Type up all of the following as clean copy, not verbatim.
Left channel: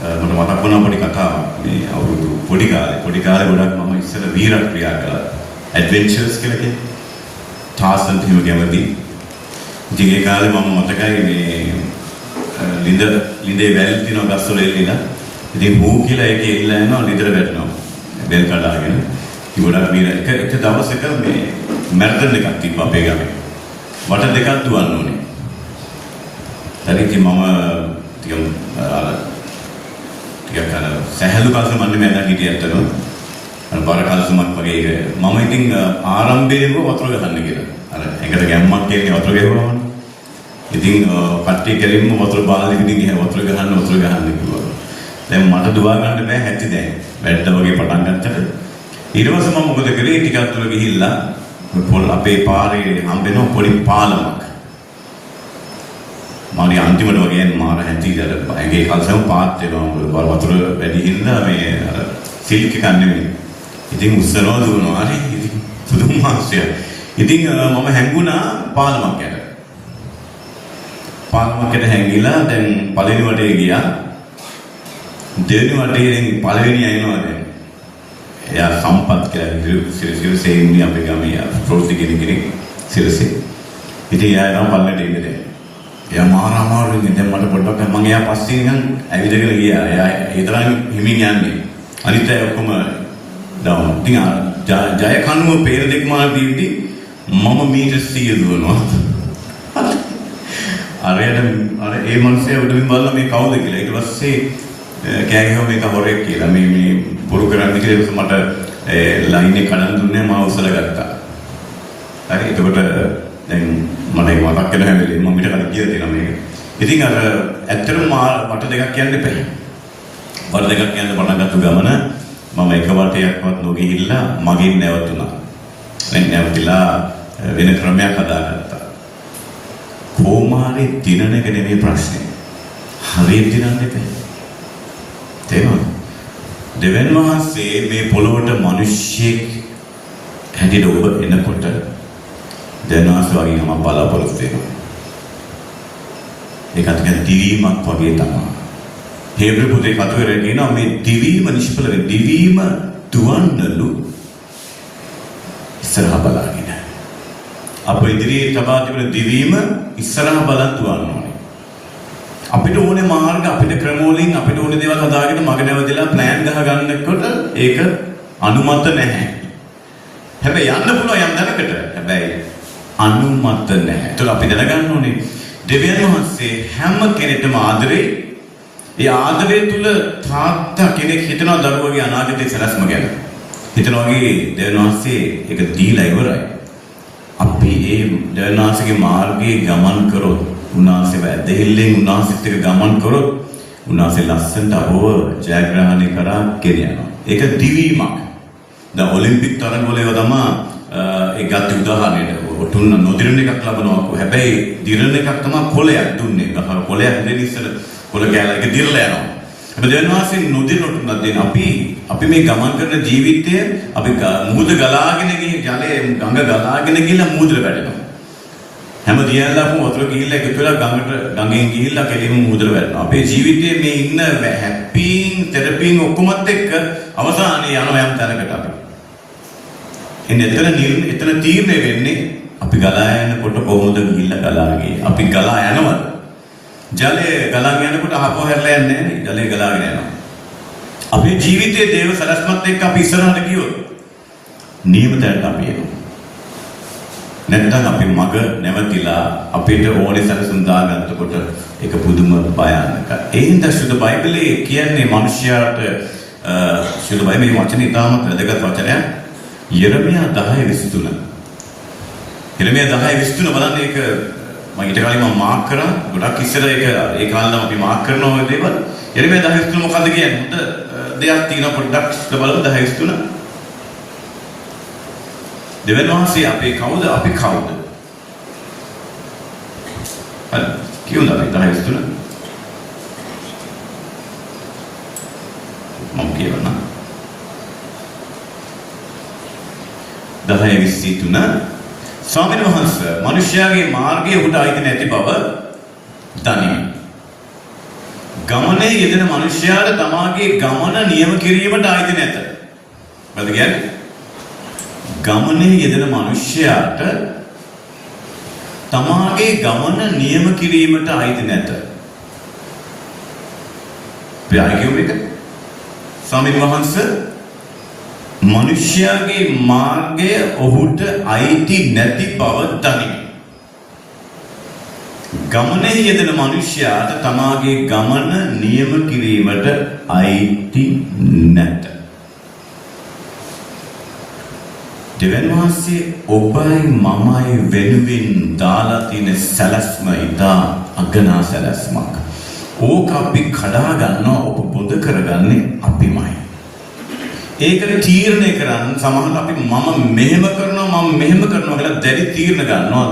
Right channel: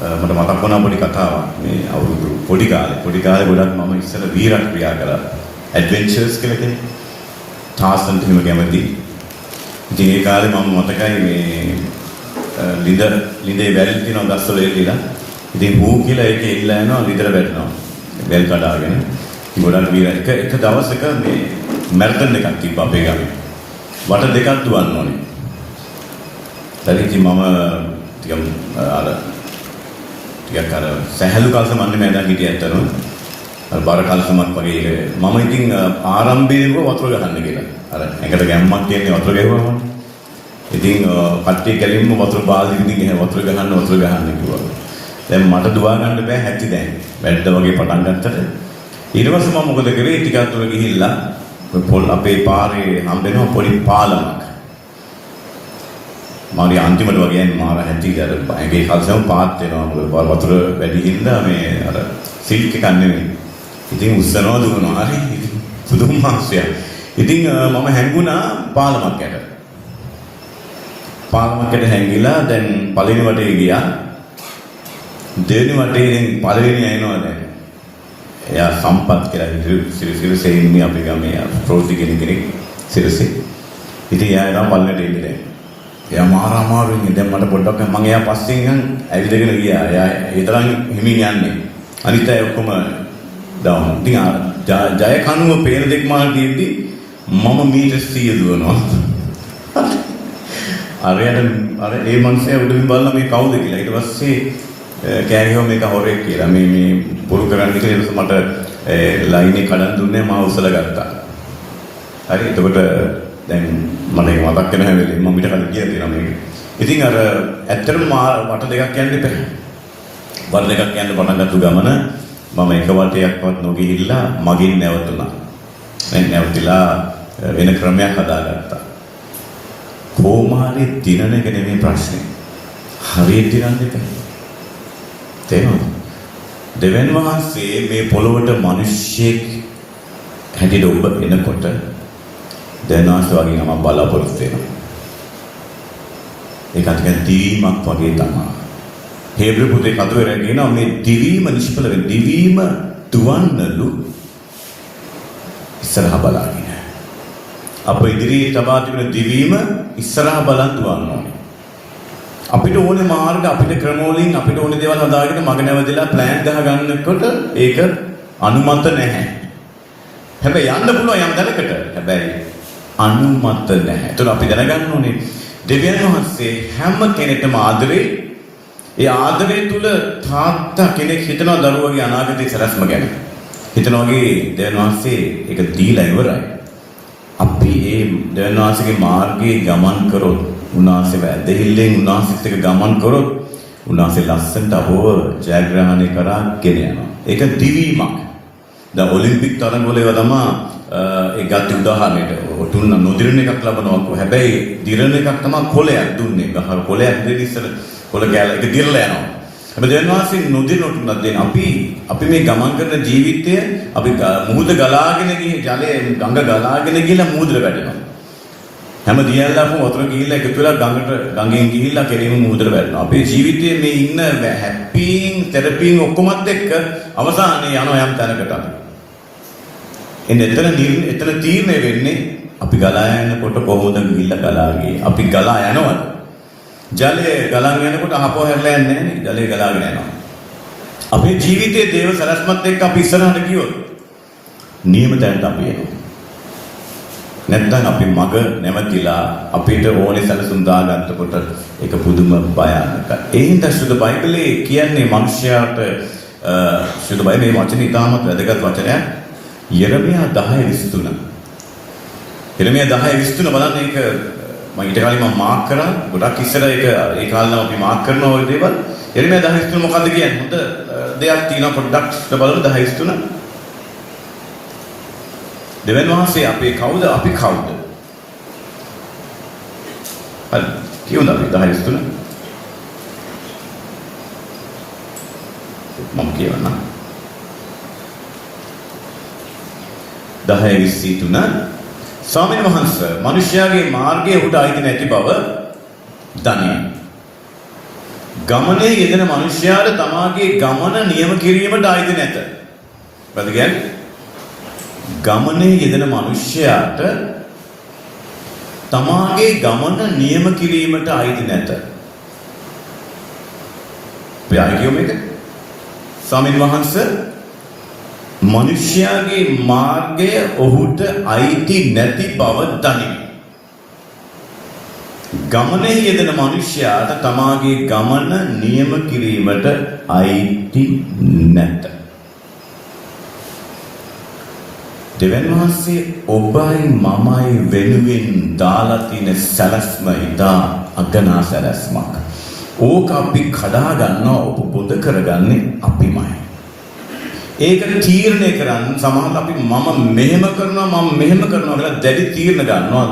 මට මතක් වුණා පොඩි කතාවක්. මේ අවුරුදු පොඩි කාලේ ගොඩක් මම ඉස්සෙල්ල වීරක් ක්‍රියා කරා. ඇඩ්වෙන්චර්ස් කියලා කියන්නේ. ටාසන්ට් හිම කැමති. ඉතින් ඒ කාලේ මම මතකයි මේ ලිඳේ වැල් තියනවා ගස්වල එල්ලලා. ඉතින් හූ කියලා ඒක එල්ලලා යනවා ලිඳට වැටෙනවා. වැල් කඩාගෙන. ඉතින් ගොඩක් වීර එක දවසක මේ මැරතන් එකක් තිබ්බා අපේ ගමේ. වට දෙකක් දුවන්න ඕනේ. ඊට මම ටිකක් අර සහැල්ලු කල්සමන්නේ මම දැන් හිටියේ ඇත්තටම. අර බර කල්සමක් වගේ මම ඉතින් ආරම්භයේම වතුර ගහන්න කියලා. අර ඇඟට ගැම්මක් කියන්නේ වතුර ගැහුවාම. ඉතින් කට්ටිය කෙලින්ම වතුර බාල්දියකින් එහෙ වතුර ගහන්න කිව්වා. දැන් මට දුවා ගන්න බෑ හැටි දැන්. වැඩ වගේ පටන් ගත්තට. ඊට පස්සේ මම මොකද කරේ ටිකක් දුර ගිහිල්ලා පොල් අපේ පාරේ හම්බෙන පොඩි පාලමක්. මාරි අන්තිමට වගේ මාර හැටිදර ඇගේ කල්සම පාත් වෙනවා වතුර වැඩි හින්දා මේ අර සිල්ක් එකක් නෙවෙයි. ඉතින් උස්සනවා දුවනවා හරි පුදුම මාසයක්. ඉතින් මම හැංගුණා පාලමක් යට. පාලමක් යට හැංගිලා දැන් පළවෙනි වටේ ගියා. දෙවෙනි වටේ ඉතින් පළවෙනි අයනවා දැන්. එයා සම්පත් කියලා සිරසේ ඉන්නේ අපේ ගමේ ප්‍රෝසි කෙනෙක් සිරසේ. ඉතින් එයා තමයි පළවෙනිට එන්නේ දැන්. එයා මාර අමාරුයි දැන් මට පොඩ්ඩක් මම එයා පස්සේ නිකන් ඇවිදගෙන ගියා. එයා ඒ තරම් හිමින් යන්නේ. අනිත් අය ඔක්කොම ඩවුන්. ඉතින් ජය කනුව පේන දෙක් මාන තියෙද්දි මම මීටර් 100 දුවනවා. අර ඒ මනුස්සයා උඩින් බලලා මේ කවුද කියලා. ඊට පස්සේ කෑගියෝ මේක හොරෙක් කියලා. මේ පොරු කරන්න කියලා මට ලයින් එක කඩන් දුන්නේ මම උස්සලා ගත්තා. හරි එතකොට දැන් මට ඒක මතක් වෙන හැම වෙලේම මම පිට කලින් කියලා තියෙනවා මේක. ඉතින් අර ඇත්තටම වට දෙකක් යන්න එපා. වට දෙකක් යන්න පටන් ගත්ත ගමන මම එක වටයක්වත් නොගිහිල්ලා මගින් නැවතුණා. දැන් නැවතිලා වෙන ක්‍රමයක් හදාගත්තා. කොහොමාරි දිනන එක නෙමෙයි ප්‍රශ්නේ. හරියට දිනන්න එපා. තේරෙනවද? දෙවන් වහන්සේ මේ පොළොවට මිනිස්සෙක් හැටියට ඔබ එනකොට දැනවාස් වගේ නම බලාපොරොත්තු වෙනවා. ඒක අතින් දිවීමක් වගේ තමයි. හේබ්‍රු පොතේ කතුවර කියනවා මේ දිවීම නිෂ්ඵල වෙන දිවීම දුවන්නලු ඉස්සරහ බලාගෙන. අප ඉදිරියේ තබා තිබෙන දිවීම ඉස්සරහ බලන් දුවන්න ඕනේ. අපිට ඕනේ මාර්ග අපිට ක්‍රමවලින් අපිට ඕනේ දේවල් හදාගෙන මග නැවදලා ප්ලෑන් ගහ ගන්නකොට ඒක අනුමත නැහැ. හැබැයි යන්න පුළුවන් යම් දැනකට. හැබැයි අනුමත නැහැ. ඒතර අපි දැනගන්න ඕනේ දෙවියන් වහන්සේ හැම කෙනෙක්ටම ආදරේ. ඒ ආදරේ තුල තාත්තා කෙනෙක් හිතනවා දරුවගේ අනාගතයේ සැලැස්ම ගැන. හිතනවා වගේ දෙවියන් වහන්සේ ඒක දීලා ඉවරයි. අපි මේ දෙවියන් වහන්සේගේ මාර්ගයේ ගමන් කරොත් උන්වහන්සේ වැදහිල්ලෙන් උන්වහන්සේත් එක්ක ගමන් කරොත් උන්වහන්සේ ලස්සනට අපව ජයග්‍රහණය කරා ගෙන යනවා. ඒක දිවීමක්. දැන් ඔලිම්පික් තරගවල ඒවා තමයි ඒ ගත් උදාහරණයට ඔටුන්න නොදිරන එකක් ලබනවා. හැබැයි දිරන එකක් තමයි කොලයක් දුන්නේ. ගහ කොලයක් දෙන්න ඉස්සර කොල කැල එක දිරලා යනවා. හැබැයි දෙවියන් වහන්සේ නොදිරන ඔටුන්නක් දෙන අපි මේ ගමන් කරන ජීවිතය අපි මුහුද ගලාගෙන ගිහින් ජලයේ ගඟ ගලාගෙන ගිහලා මුහුදට වැටෙනවා. හැම දියල්ලක්ම වතුර ගිහිල්ලා එකතු වෙලා ගඟෙන් ගිහිල්ලා කෙලින්ම මුහුදට වැටෙනවා. අපේ ජීවිතයේ මේ ඉන්න හැප්පීන් තෙරපීන් ඔක්කොමත් එක්ක අවසානයේ යනවා යම් තැනකට අපි. එතන තීරණය වෙන්නේ අපි ගලා යනකොට කොහොමද ගිහිල්ලා ගලා ගියේ. අපි ගලා යනවද? ජලය ගලාගෙන යනකොට ආපහු හැරලා යන්නේ නැහැ නේ. ජලය ගලාගෙන යනවා. අපේ ජීවිතයේ දේව සරස්මත් එක්ක අපි ඉස්සරහට ගියොත් නියම තැනට අපි එනවා. නැත්නම් අපි මග නැවතිලා අපිට ඕනේ සැලසුම් දාගන්නකොට ඒක පුදුම භයානකයි. ඒ හින්දා සුදු බයිබලයේ කියන්නේ මිනිස්යාට සුදු බයිබලයේ මේ වචනේ ඉතාමත් වැදගත් වචනයක්. යෙරමියා 10:23. යෙරමියා 10:23 බලන්න ඒක මම ඊට කලින් මම මාක් කරා. ගොඩක් ඉස්සර ඒක ඒ කාලේ අපි මාක් කරනවා වගේ දේවල්. යෙරමියා 10:23 මොකද්ද කියන්නේ? හොඳ දෙයක් තියෙනවා පොඩ්ඩක් බලමු 10:23. දෙවියන් වහන්සේ අපේ කවුද? අපි කවුද? හරි. කියුණා මේ 10:23. මම කියවන්නම්. 10:23 ස්වාමීන් වහන්සේ මිනිස්යාගේ මාර්ගයේ උඩ අයිති නැති බව දනිමි. ගමනේ යෙදෙන මිනිසයාට තමාගේ ගමන නියම කිරීමට ආйти නැත. මොකද කියන්නේ? ගමනේ යෙදෙන මිනිසයාට තමාගේ ගමන නියම කිරීමට ආйти නැත. ප්‍රායෝගික මේක. ස්වාමීන් වහන්සේ මිනිසයාගේ මාර්ගය ඔහුට ආйти නැති බව දනිමි. ගමනේ යෙදෙන මිනිසයාට තමාගේ ගමන නියම කිරීමට ආйти නැත. දෙවන වහන්සේ ඔබයි මමයි වෙනුවෙන් දාලා තියෙන සැලැස්ම ඉදා අගනා සැලැස්මක්. ඕක අපි කඩා ගන්නවා, ඔබ බොඳ කරගන්නේ අපිමයි. ඒකට තීරණය කරන්න සමහරවිට අපි මම මෙහෙම කරනවා මම මෙහෙම කරනවා කියලා දැඩි තීරණ ගන්නවා.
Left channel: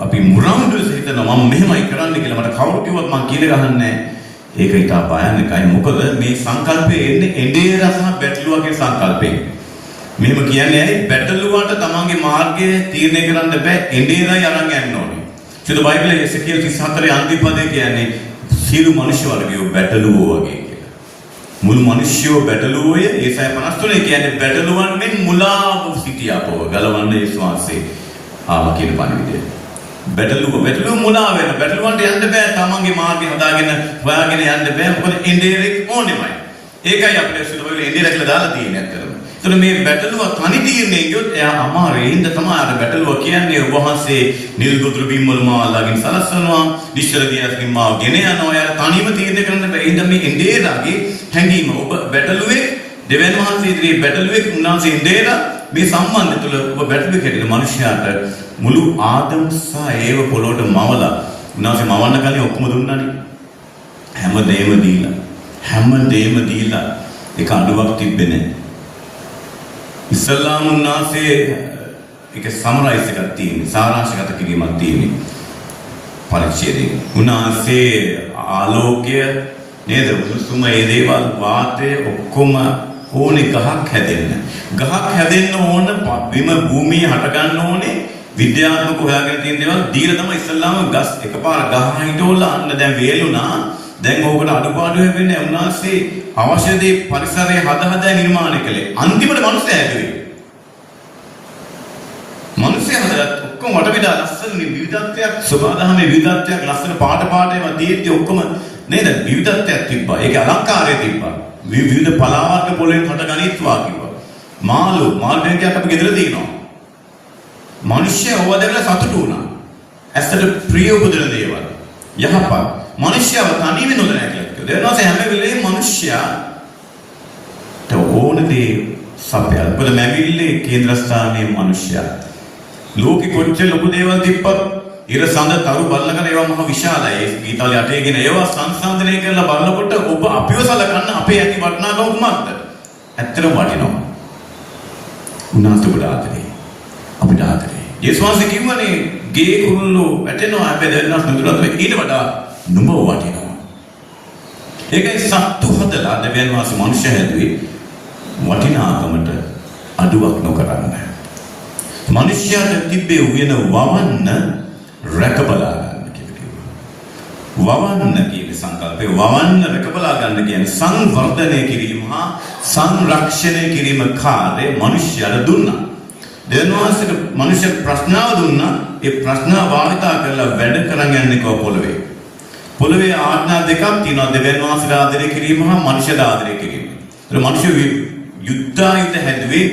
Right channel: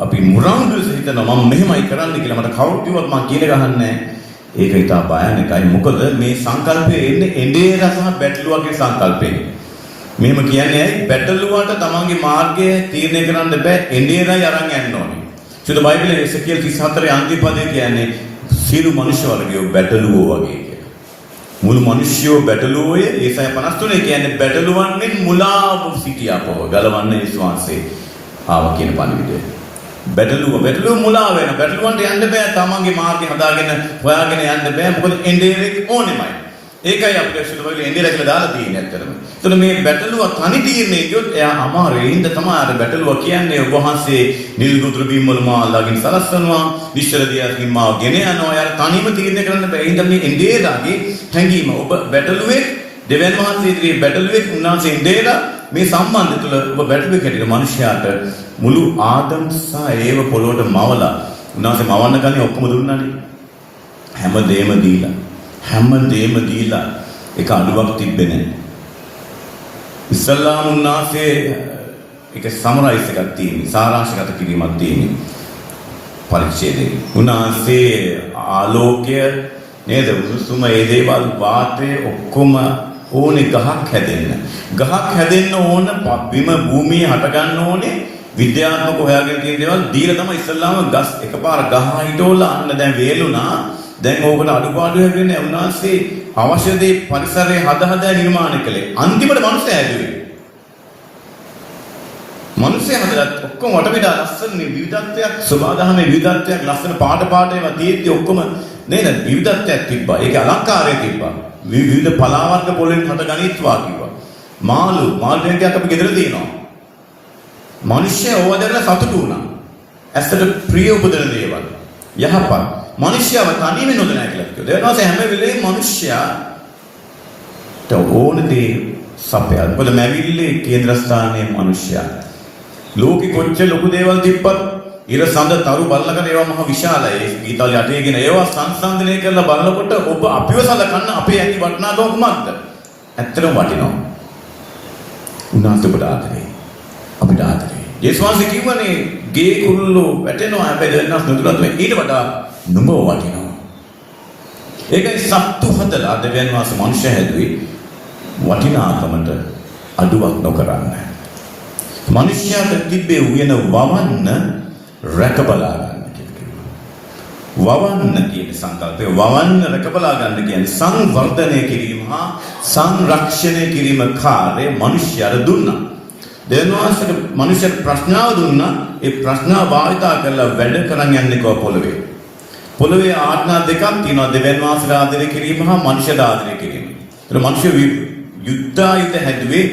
අපි මුරංගුල හිතනවා මම මෙහෙමයි කරන්න කියලා. මට කවුරු කිව්වත් මම කියලා ගහන්නේ නැහැ. ඒක ඊට භයානකයි. මොකද මේ සංකල්පය එන්නේ එඬේර සහ බැටළුවගේ සංකල්පයෙන්. මෙහෙම කියන්නේ ඇයි? බැටළුවට තමන්ගේ මාර්ගය තීරණය කරන්න බෑ. එඬේරයි අරන් යන්න ඕනේ. සිත බයිබලයේ එසකියල් 34 අන්තිම පදේ කියන්නේ සියලු මනුෂ්‍ය වර්ගයෝ බැටළුවෝ වගේ කියලා. මුළු මිනිස්යෝ බැටළුවෝය. ඒසයි 53 කියන්නේ බැටළුවන් මෙන් මුලාව සිටියාපව ගලවන්න යේසුස් වහන්සේ ආව කියන පණිවිඩය. බැටළුව මුලා වෙන. බැටළුවන්ට යන්න බෑ. තමන්ගේ මාර්ගය හදාගෙන හොයාගෙන යන්න බෑ. මොකද එඬේරෙක් ඕනෙමයි. ඒකයි අපිට සිදුවෙන්නේ එඬේර කියලා දාලා තියෙන්නේ ඇත්තටම. එතන මේ බැටළුව තනි තීරණය ගියොත් එයා අමාරුයි. ඉන්න තමයි අර බැටළුව කියන්නේ වහන්සේ නිල් ගොදුරු බිම් වල මාලාකින් සලස්සනවා, නිශ්චල දියකින් මාව ගෙන යනවා. යාර තනියම තීරණය කරන්න බෑ. ඉන්න මේ එඬේරගේ හැඟීම ඔබ බැටළුවේ දෙවියන් වහන්සේ ඉදිරියේ බැටළුවේ උන්වහන්සේ එඬේර මේ සම්බන්ධය තුළ ඔබ බැටළුවේ හැටියට මිනිස්යාට මුළු ආදම් සහ ඒව පොළොවට මවලා උන්වහන්සේ මවන්න ගන්නේ ඔක්කොම දුන්නානේ. හැමදේම දීලා ඒක අඩුවක් තිබ්බේ නැහැ. ඉස්ලාම් උන්වහන්සේ ඒක සමරයිස් එකක් තියෙනවා. සාරාංශගත කිරීමක් තියෙනවා. පරිච්ඡේදයේ උන්වහන්සේ ආලෝකය නේද උණුසුම ඒ දේවල් වාතය ඔක්කොම ඕනේ ගහක් හැදෙන්න. ගහක් හැදෙන්න ඕන බිම භූමිය හට ගන්න ඕනේ. විද්‍යාත්මක හොයාගෙන තියෙන දේවල් දීලා තමයි ඉස්ලාම ගස් එකපාර ගහ හිටවලා අන්න දැන් වේලුණා. දැන් ඕකට අඩුපාඩු හැදෙන්නේ උන්වහන්සේ අවශ්‍ය දේ පරිසරයේ හදා නිර්මාණය කළේ. අන්තිමට මිනිස්සු හැදුවේ. මිනිස්සු හදලා ඔක්කොම වටපිටා ලස්සන විවිධත්වයක්, සබදාහමේ විවිධත්වයක්, ලස්සන පාට ඒවා තියෙද්දි ඔක්කොම නේද විවිධත්වයක් තිබ්බා. ඒකේ අලංකාරය තිබ්බා. විවිධ පලාවර්ග පොළෙන් හට ගනිත්වා කිව්වා. මාළු ටැංකියක් අපි ගෙදර තියෙනවා. මිනිස්සු ඕවදලා සතුටු වුණා. ඇත්තට ප්‍රිය උපදින දේවල්. යහපත් මිනිස්යාව තනියම නොදැන කියලා කිව්වා. ඒ වෙනස හැම වෙලේම මිනිස්යාට ඕනදී සපයල්. මොකද මැවිල්ලේ කේන්ද්‍රස්ථානයේ මිනිස්යා. ලෝකෙ කොච්චර ලොකු දේවල් තිබ්බත් ඉර සඳ තරු බල්ලකට ඒවා මහ විශාලයි. ඒ ගීතාලේ අටේගෙන ඒවා සංසන්දනය කරලා බලනකොට ඔබ අපිව සලකන්න අපේ ඇති වටිනාකම කුමක්ද? ඇත්තටම වටිනවා. උනාට ආදරේ. අපිට ආදරේ. යේසුස් වහන්සේ කිව්වනේ ගේ කුරුල්ලෝ වැටෙනවා හැබැයි දැන්නස් නුදුරත් ඊට වඩා නුඹ වටිනවා. ඒකයි සත්තු හදලා දෙවියන් වහන්සේ මනුෂ්‍ය හැදුවේ වටිනාකමට අඩුවක් නොකරන්න. මනුෂ්‍යයාට තිබ්බේ උයන වවන්න රැකබලා ගන්න කියලා. වවන්න කියන සංකල්පය වවන්න රැකබලා ගන්න කියන්නේ සංවර්ධනය කිරීම හා සංරක්ෂණය කිරීම කාර්යය මනුෂ්‍යයාට දුන්නා. දෙවියන් වහන්සේට මනුෂ්‍යයාට ප්‍රශ්නාව දුන්නා. ඒ ප්‍රශ්නාව වාර්තා කරලා වැඩ කරන් යන්නේ කො පොළවේ. පොළවේ ආඥා දෙකක් තියෙනවා. දෙවියන් වහන්සේට ආදරය කිරීම හා මනුෂ්‍යයට ආදරය කිරීම. ඒතර මනුෂ්‍ය යුද්ධායුධ හැදුවේ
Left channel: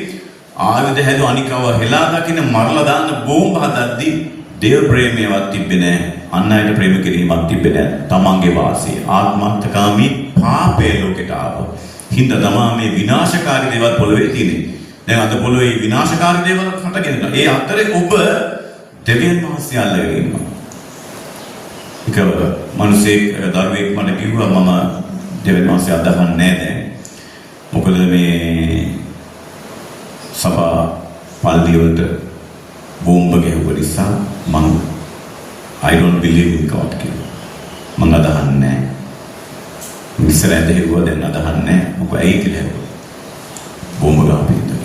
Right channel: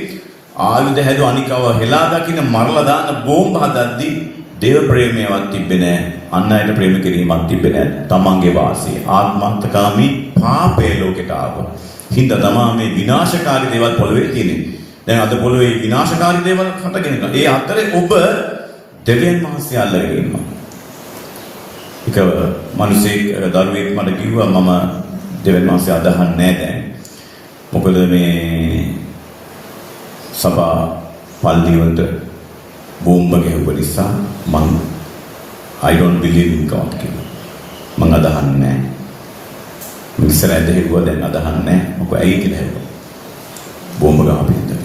ආයුධ හැදු අනිකව හෙලා දකින්න මරලා දාන්න බෝම්බ හදද්දී දේව ප්‍රේමයවත් තිබ්බේ නැහැ. අන් අයට ප්‍රේම කිරීමක් තිබ්බේ නැහැ. තමන්ගේ වාසිය ආත්මార్థකාමී පාපේ ලෝකෙට ආවා. හින්දා තමා මේ විනාශකාරී දේවල් පොළවේ තියෙන්නේ. දැන් අද පොළවේ විනාශකාරී දේවල් හටගෙන ඉන්නවා. ඒ අතරේ ඔබ දෙවියන් වහන්සේ අල්ලගෙන ඉන්නවා. ඒක මිනිසෙක් දරුවෙක් මට කිව්වා මම දෙවියන් වහන්සේ අදහන්නේ නැහැ දැන්. මොකද මේ සභා පල්ලි වලට බෝම්බ ගහපු නිසා I don't believe in God කියලා. මම අදහන්නේ නැහැ. මිනිස්සු ඇදහිුවා දැන් අදහන්නේ නැහැ. මොකද ඇයි කියලා හිතුවා. බෝම්බ ගහපු ඉඳලා.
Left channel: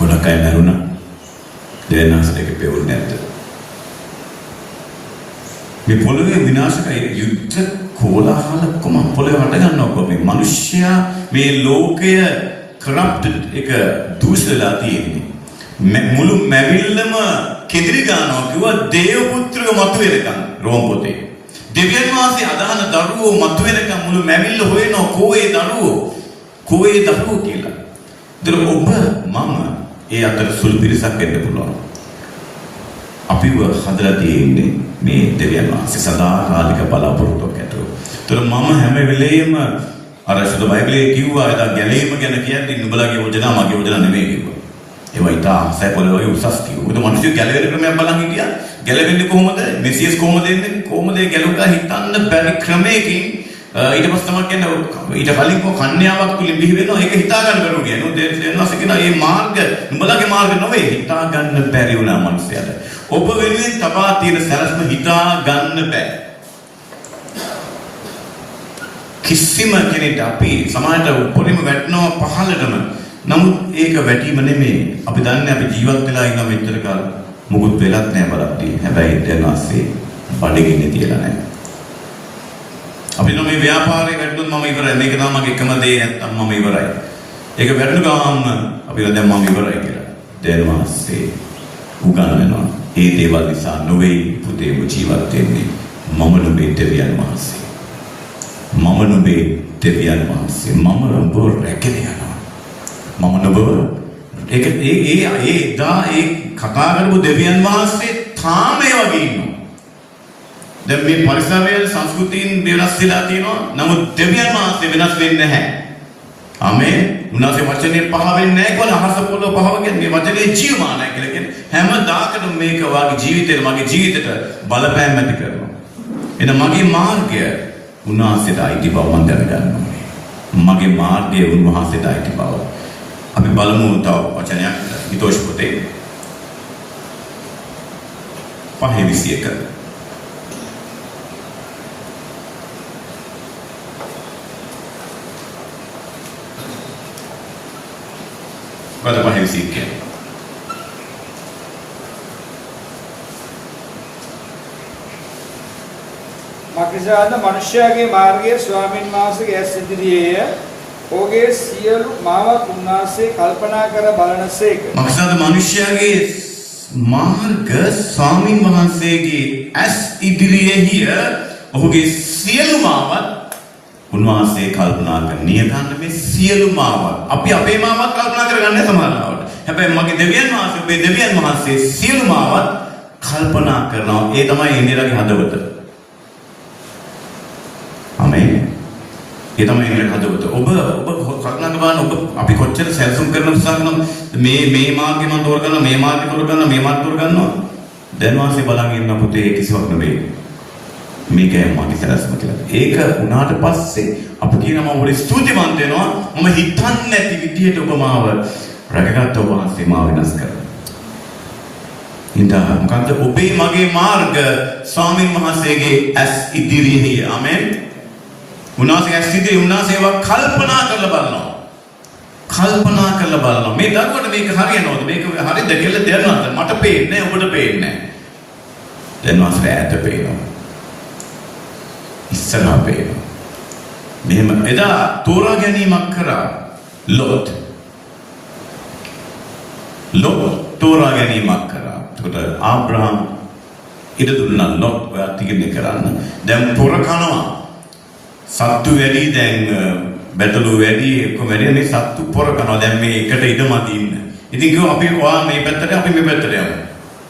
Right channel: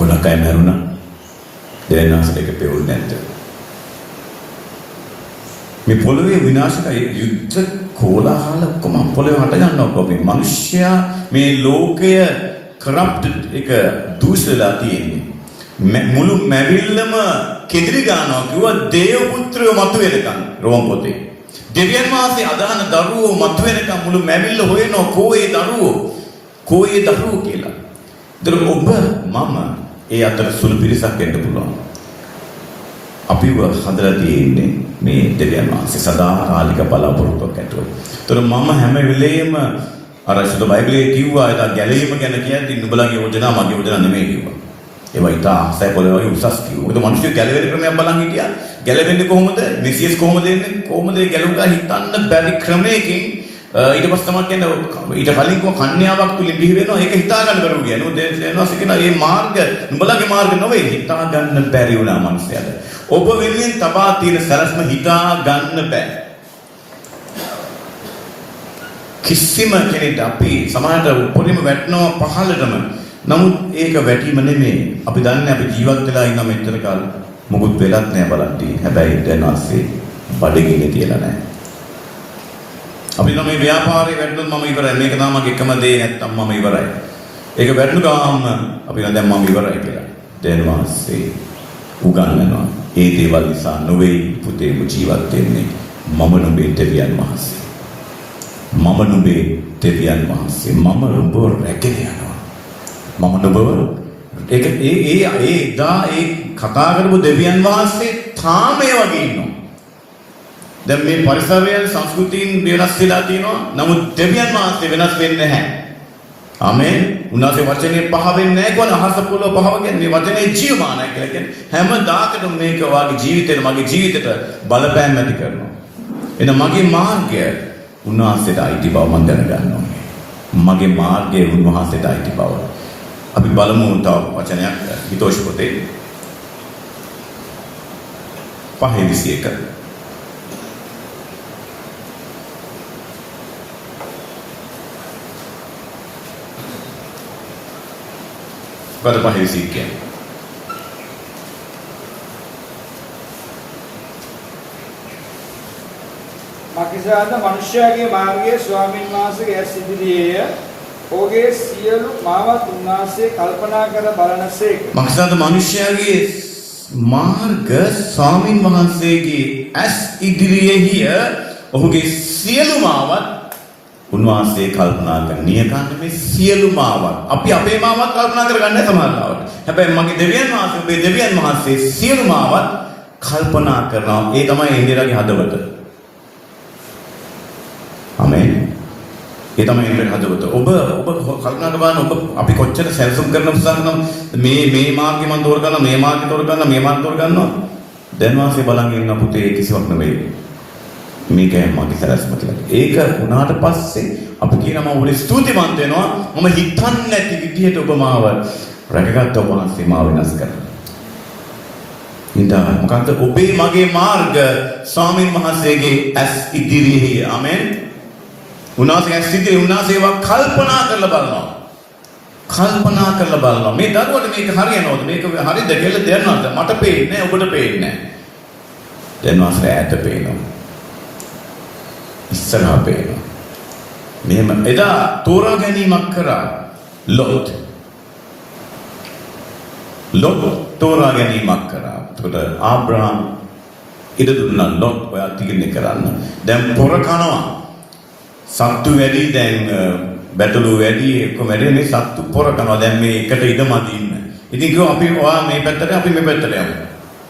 මොනකයි මරුණා. දෙන්නාස් දෙක පෙවුන්නේ නැද්ද? මේ පොළවේ විනාශකයි යුද්ධ කෝලාහල ඔක්කොම පොළවේ හට ගන්නවා මේ මිනිස්සයා මේ ලෝකය කරප්ටඩ් එක දුෂ්ටලා තියෙන්නේ මුළු මැවිල්ලම කෙදිරි ගන්නවා කිව්වා දේව පුත්‍රයෝ මතුවෙනකම් රෝම පොතේ දෙවියන් වහන්සේ අදහන දරුවෝ මතුවෙනකම් මුළු මැවිල්ල හොයනවා කෝයේ දරුවෝ කියලා. ඒතර ඔබ මම ඒ අතර සුළු පිරිසක් වෙන්න පුළුවන්. අපිව හදලා තියෙන්නේ මේ දෙවියන් වහන්සේ සදාකාලික බලාපොරොත්තුවක් ඇතුව. ඒතර මම හැම වෙලේම අර සුදු බයිබලයේ කිව්වා ඒක ගැලීම ගැන කියන්නේ නුඹලගේ යෝජනා මගේ යෝජනා නෙමෙයි කිව්වා. ඒවා ඉතා සැපල වගේ උසස් කිව්වා. ඒක මිනිස්සු ගැලවෙන ක්‍රමයක් බලන් හිටියා. ගැලවෙන්නේ කොහොමද? මෙසියස් කොහොමද එන්නේ? කොහොමද ගැලුවා හිතන්න බැරි ක්‍රමයකින් ඊට පස්සේ තමයි කියන්නේ ඊට කලින් කන්‍යාවක් තුලින් බිහි වෙනවා. ඒක හිතා ගන්න බැරුව කියන්නේ. දෙන්නවා කියන මේ මාර්ග නුඹලගේ මාර්ග නෙවෙයි හිතා ගන්න බැරි වුණා මිනිස්සයාට. ඔබ වෙනුවෙන් තබා තියෙන සරස්ම හිතා ගන්න බෑ. කිසිම කෙනෙක් අපි සමාජයට උඩින්ම වැටෙනවා පහළටම. නමුත් ඒක වැටීම නෙමෙයි. අපි දන්නේ අපි ජීවත් වෙලා ඉන්න මෙච්චර කාලෙ මොකුත් වෙලක් නැහැ බලද්දී. හැබැයි දැන් ආසේ බඩගින්නේ තියලා නැහැ. අපි නම් මේ ව්‍යාපාරේ වැටුනොත් මම ඉවරයි. මේක තමයි මගේ එකම දේ නැත්තම් මම ඉවරයි. ඒක වැටුණු ගාම අපි දැන් මම ඉවරයි කියලා. දැන් වාසේ උගන්වනවා. ඒ දේවල් නිසා නොවේ පුතේ ජීවත් වෙන්නේ. මම නුඹේ දෙවියන් වහන්සේ. මම නුඹේ දෙවියන් වහන්සේ. මම නුඹ රැගෙන යනවා. මම නුඹ ඒක ඒ කතා කරපු දෙවියන් වහන්සේ තාම ඒ වගේ ඉන්නවා. දැන් මේ පරිසරයන් සංස්කෘතීන් වෙනස් වෙලා තියෙනවා. නමුත් දෙවියන් වහන්සේ වෙනස් වෙන්නේ නැහැ. ආමේන්. උන්වහන්සේ වචනේ පහ වෙන්නේ නැහැ කියලා අහස පොළොව පහව කියන්නේ වචනේ ජීවමානයි කියලා කියන්නේ. හැමදාකටම මේක වාගේ ජීවිතේට මගේ ජීවිතේට බලපෑම් ඇති කරනවා. එන මගේ මාර්ගය උන්වහන්සේට අයිති බව මම දැනගන්නවා. මගේ මාර්ගය උන්වහන්සේට අයිති බව. අපි බලමු තව වචනයක් හිතෝෂ් පොතේ 5:21. Pada 5:21. මක්නිසාද මනුෂ්‍යයාගේ මාර්ගයේ ස්වාමීන් වහන්සේගේ ඇස් ඉදිරියේය. ඔහුගේ සියලු මාවත් උන්වහන්සේ කල්පනා කර බලනසේක. මක්නිසාද මනුෂ්‍යයාගේ මාර්ග ස්වාමීන් වහන්සේගේ ඇස් ඉදිරියේය. ඔහුගේ සියලු මාවත් උන්වහන්සේ කල්පනා කරන්නේ ගන්න මේ සියලු මාවත්. අපි අපේ මාවත් කල්පනා කරගන්නේ සමහරවිට. හැබැයි මගේ දෙවියන් වහන්සේ ඔබේ දෙවියන් වහන්සේ සියලු මාවත් කල්පනා කරනවා. ඒ තමයි ඉන්දියාගේ හදවත. ආමේන්. ඒ තමයි ඉන්දියාගේ හදවත. ඔබ කල්පනා කරන ඔබ අපි කොච්චර සැලසුම් කරන උත්සාහ කරනවා මේ මාර්ගේ මම තෝරගන්නවා මේ මාර්ගේ තෝරගන්නවා මේ මාර්ගේ තෝරගන්නවා. දැන් වාසේ බලන් ඉන්න පුතේ කිසිවක් නෙවෙයි. මේකයි මගේ සැලසුම කියලා. ඒක වුණාට පස්සේ අපි කියනවා ඔබට ස්තුතිවන්ත වෙනවා. මම හිතන්නේ නැති විදිහට ඔබ මාව රැකගත්ත ඔබ වහන්සේ මාව වෙනස් කරනවා. ඉතින් මොකක්ද ඔබේ මගේ මාර්ග ස්වාමීන් වහන්සේගේ ඇස් ඉදිරියේ. ආමෙන්. උන්වහන්සේ ඇස් ඉදිරියේ උන්වහන්සේව කල්පනා කරලා බලනවා. කල්පනා කරලා බලනවා. මේ දරුවට මේක හරියනවද? මේක හරියද කියලා දැනනවද? මට පේන්නේ නැහැ ඔබට පේන්නේ නැහැ. දැන් වාසේ ඈත පේනවා. ඉස්සරහා පේනවා. මෙහෙම එදා තෝරා ගැනීමක් කරා ලොත් තෝරා ගැනීමක් කරා. ඒකට ආබ්‍රහම් ඉඩ දුන්නා ලොත් ඔයා තීරණය කරන්න. දැන් පොර කනවා. සත්තු වැඩි දැන් බැටළු වැඩි එක්කම වැඩි මේ සත්තු පොර කනවා. දැන් මේ එකට ඉඩමදි ඉන්න. ඉතින් කිව්වා අපි ඔයා මේ පැත්තට අපි මේ පැත්තට යමු.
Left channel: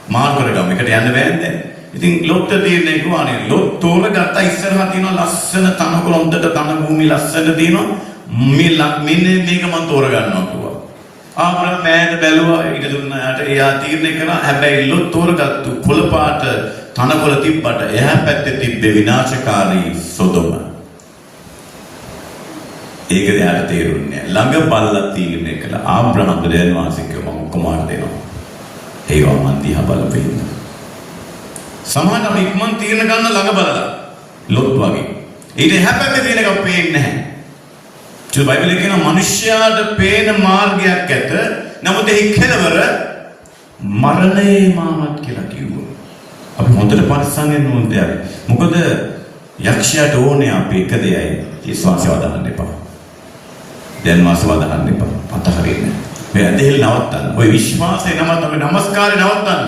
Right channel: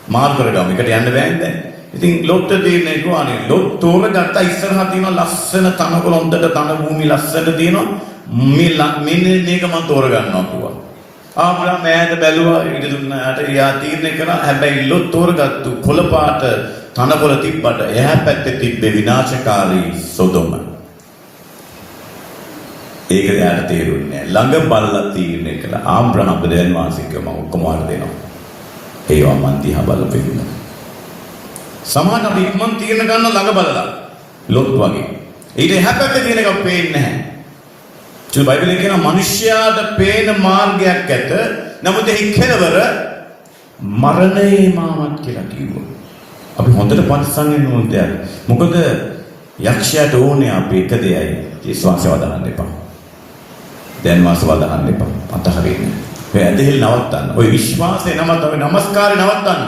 මාර්ගකට ගමු. එකට යන්න බෑනේ දැන්. ඉතින් ලොත් තියෙන්නේ කොහොනේ ලොත් තෝරගත්ත ඉස්සරහා තියෙන ලස්සන තනකොළ හොඳට තන භූමි ලස්සන තියෙනවා මෙන්න මේක මම තෝරගන්නවා කිව්වා. ආබ්‍රහම් මෑත බැලුවා ඊට දුන්නාට එයා තීරණය කළා. හැබැයි ලොත් තෝරගත්තු කොළ පාට තනකොළ තිබ්බට එහා පැත්තේ තිබ්බේ විනාශකාරී සොදොම. ඒක දැනට තේරුන්නේ නැහැ. ළඟ බලලා තීරණය කළා. ආබ්‍රහම් දෙවියන් වහන්සේ කිව්වා මම ඔක්කොම දෙනවා. ඒවා මන් දිහා බලපෙන්න. සමහර අපි ඉක්මන් තීරණ ගන්න ළඟ බලලා ලොත් වගේ. ඊට එහා පැත්තේ තියෙන එක පේන්නේ නැහැ. ඒ බයිබලයේ කියන මිනිස්යාට පේන මාර්ගයක් ඇත. නමුත් එහි කෙලවර මරණේ මාවත් කියලා කිව්වා. අපි හොඳට පරිස්සම් වෙන්න ඕනේ. මොකද යක්ෂයාට ඕනේ අපි එක දෙයයි. විශ්වාසය වදහන්න එපා. දැන් වාසය වදහන්න එපා. අතහරින්න. ඔය ඇදහිල්ල නවත්තන්න. ඔය විශ්වාසය නවත්තන්න. නමස්කාරය නවත්තන්න.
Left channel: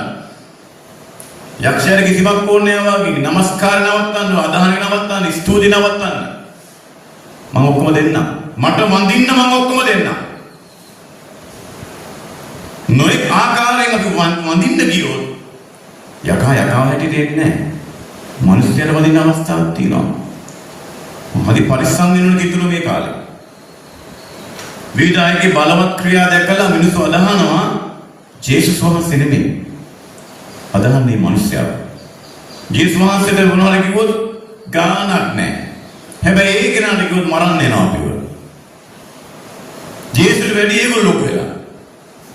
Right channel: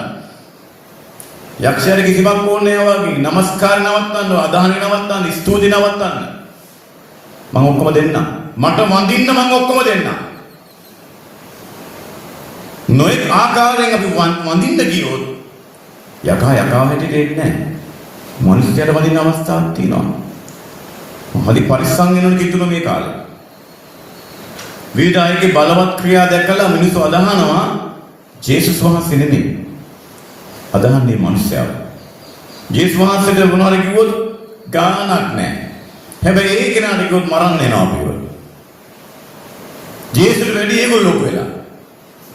යක්ෂයාට කිසිවක් ඕනේ නැහැ වගේ. නමස්කාරය නවත්තන්න. අදහන්නේ නවත්තන්න. ස්තුති නවත්තන්න. මම ඔක්කොම දෙන්න. මට වඳින්න මම ඔක්කොම දෙන්න. නොයෙක් ආකාරයෙන් අපි වඳින්න ගියොත් යකා හැටියට එන්නේ නැහැ. මිනිස්යාට වඳින්න අවස්ථාවක් තියෙනවා. හරි පරිස්සම් වෙන්න ඕනේ කිතුන මේ කාලේ. විදායකේ බලවත් ක්‍රියා දැකලා මිනිස්සු අදහනවා ජේසුස් වහන්සේ නෙමෙයි. අදහන්නේ මිනිස්යාව. ජේසුස් වහන්සේට මොනවද කිව්වොත් ගානක් නැහැ. හැබැයි ඒ කෙනාට කිව්වොත් මරන්න යනවා අපිව. ජේසුස් වැඩි ඒගොල්ලෝ වෙලා.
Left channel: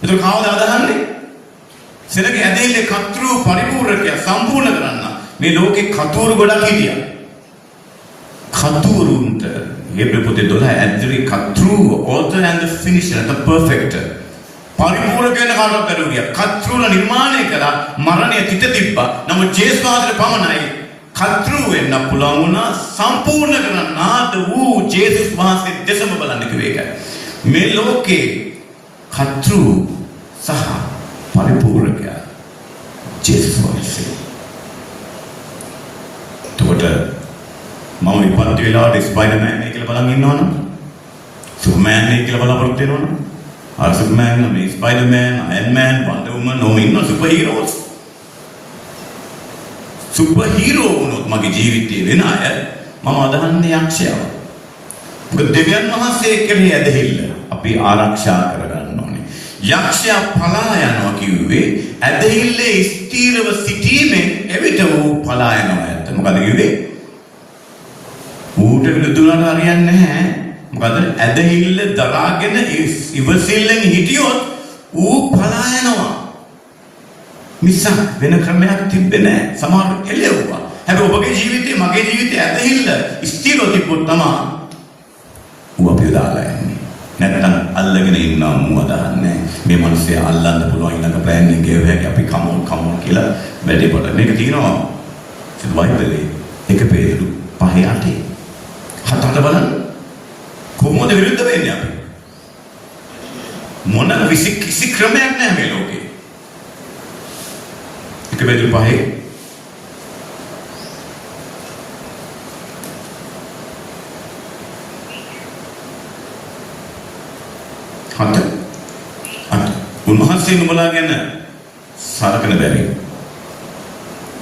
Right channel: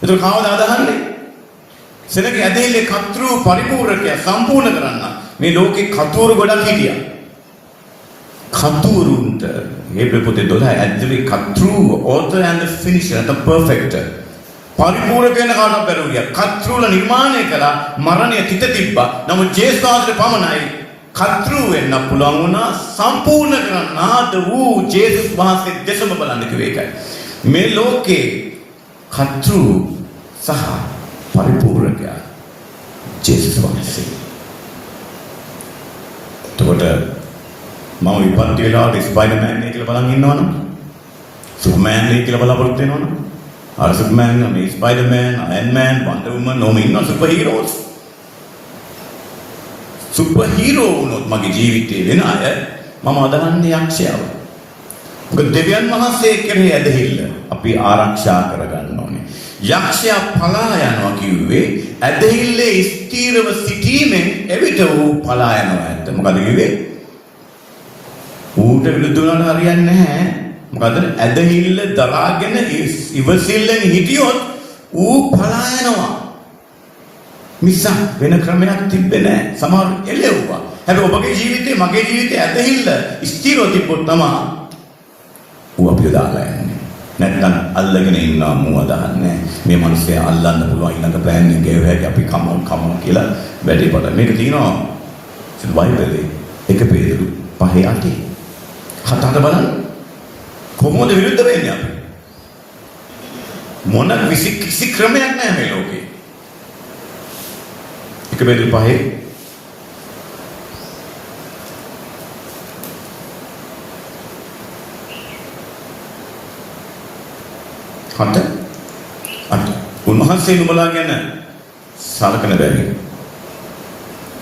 ඒක කවදාද අදහන්නේ? සෙනග ඇදහිල්ලේ කතෘ පරිපූර්ණකය සම්පූර්ණ කරන්න. මේ ලෝකේ කතූරු ගොඩක් හිටියා. කතූරුන්ට හේබ්‍රේ පොතේ 12 ඇතුලේ කතෘ author and the finisher and the perfecter. පරිපූර්ණ වෙන කාටවත් බැරුවිය. කතෘල නිර්මාණය කළා මරණය තිත තිබ්බා. නමුත් ජේසුස් වහන්සේට පමණයි කතෘ වෙන්න පුළුවන් වුණා සම්පූර්ණ කරන්න ආද වූ ජේසුස් වහන්සේ දෙසම බලන්න කිව්වේ ඒකයි. මේ ලෝකේ කතෘ සහ පරිපූර්ණකයා ජේසුස් වහන්සේ. එතකොට මම විපත්ති වෙලාවට ස්පයිඩර්මෑන් නේ කියලා බලන් ඉන්නවනම් සුපර්මෑන් නේ කියලා බලාපොරොත්තු වෙනවනම් අර සුපර්මෑන් මේ ස්පයිඩර්මෑන් අයර්න්මෑන් වන්ඩර් වුමන් ඕම ඉන්න සුපර් හීරෝස් සුපර් හීරෝ වුණොත් මගේ ජීවිතේ වෙන අය මම අදහන්නේ යක්ෂයව. මොකද දෙවියන් වහන්සේ කෙරෙහි ඇදහිල්ල අපි ආරක්ෂා කරගන්න ඕනේ. යක්ෂයා පලා යනවා කිව්වේ ඇදහිල්ලේ ස්ථීරව සිටීමෙන් එවිට ඌ පලා යනවා ඇත්ත. මොකද කිව්වේ? ඌට විරුද්ධ වුණාට හරියන්නේ නැහැ. මොකද ඇදහිල්ල දරාගෙන ඉවසිල්ලෙන් හිටියොත් ඌ පලා යනවා. මිසක් වෙන ක්‍රමයක් තිබ්බේ නැහැ. සමහර එළෙව්වා. හැබැයි ඔබගේ ජීවිතේ මගේ ජීවිතේ ඇදහිල්ල ස්ථීරව තිබ්බොත් තමයි ඌ අපිව දාලා යන්නේ. නැත්නම් අල්ලගෙන ඉන්නවා මූ අදහන්නේ. මේ මිනිස්සේ අල්ලන්න පුළුවන් ඊළඟ ප්ලෑන් එක ගෙව හැකි අපි කමෝන් කියලා වැඩේ පොඩ. මේක තියෙනවා බයිබලේ 1 පේරුදු 5:8. හතට බලන්න කොහොමද විරුද්ධ වෙන්නේ අපි? මොන කිසි ක්‍රමයක් නැහැ මේ ලෝකේ. 1 පේරුදු 5 උන්වහන්සේ නුඹලා ගැන සලකන බැරි.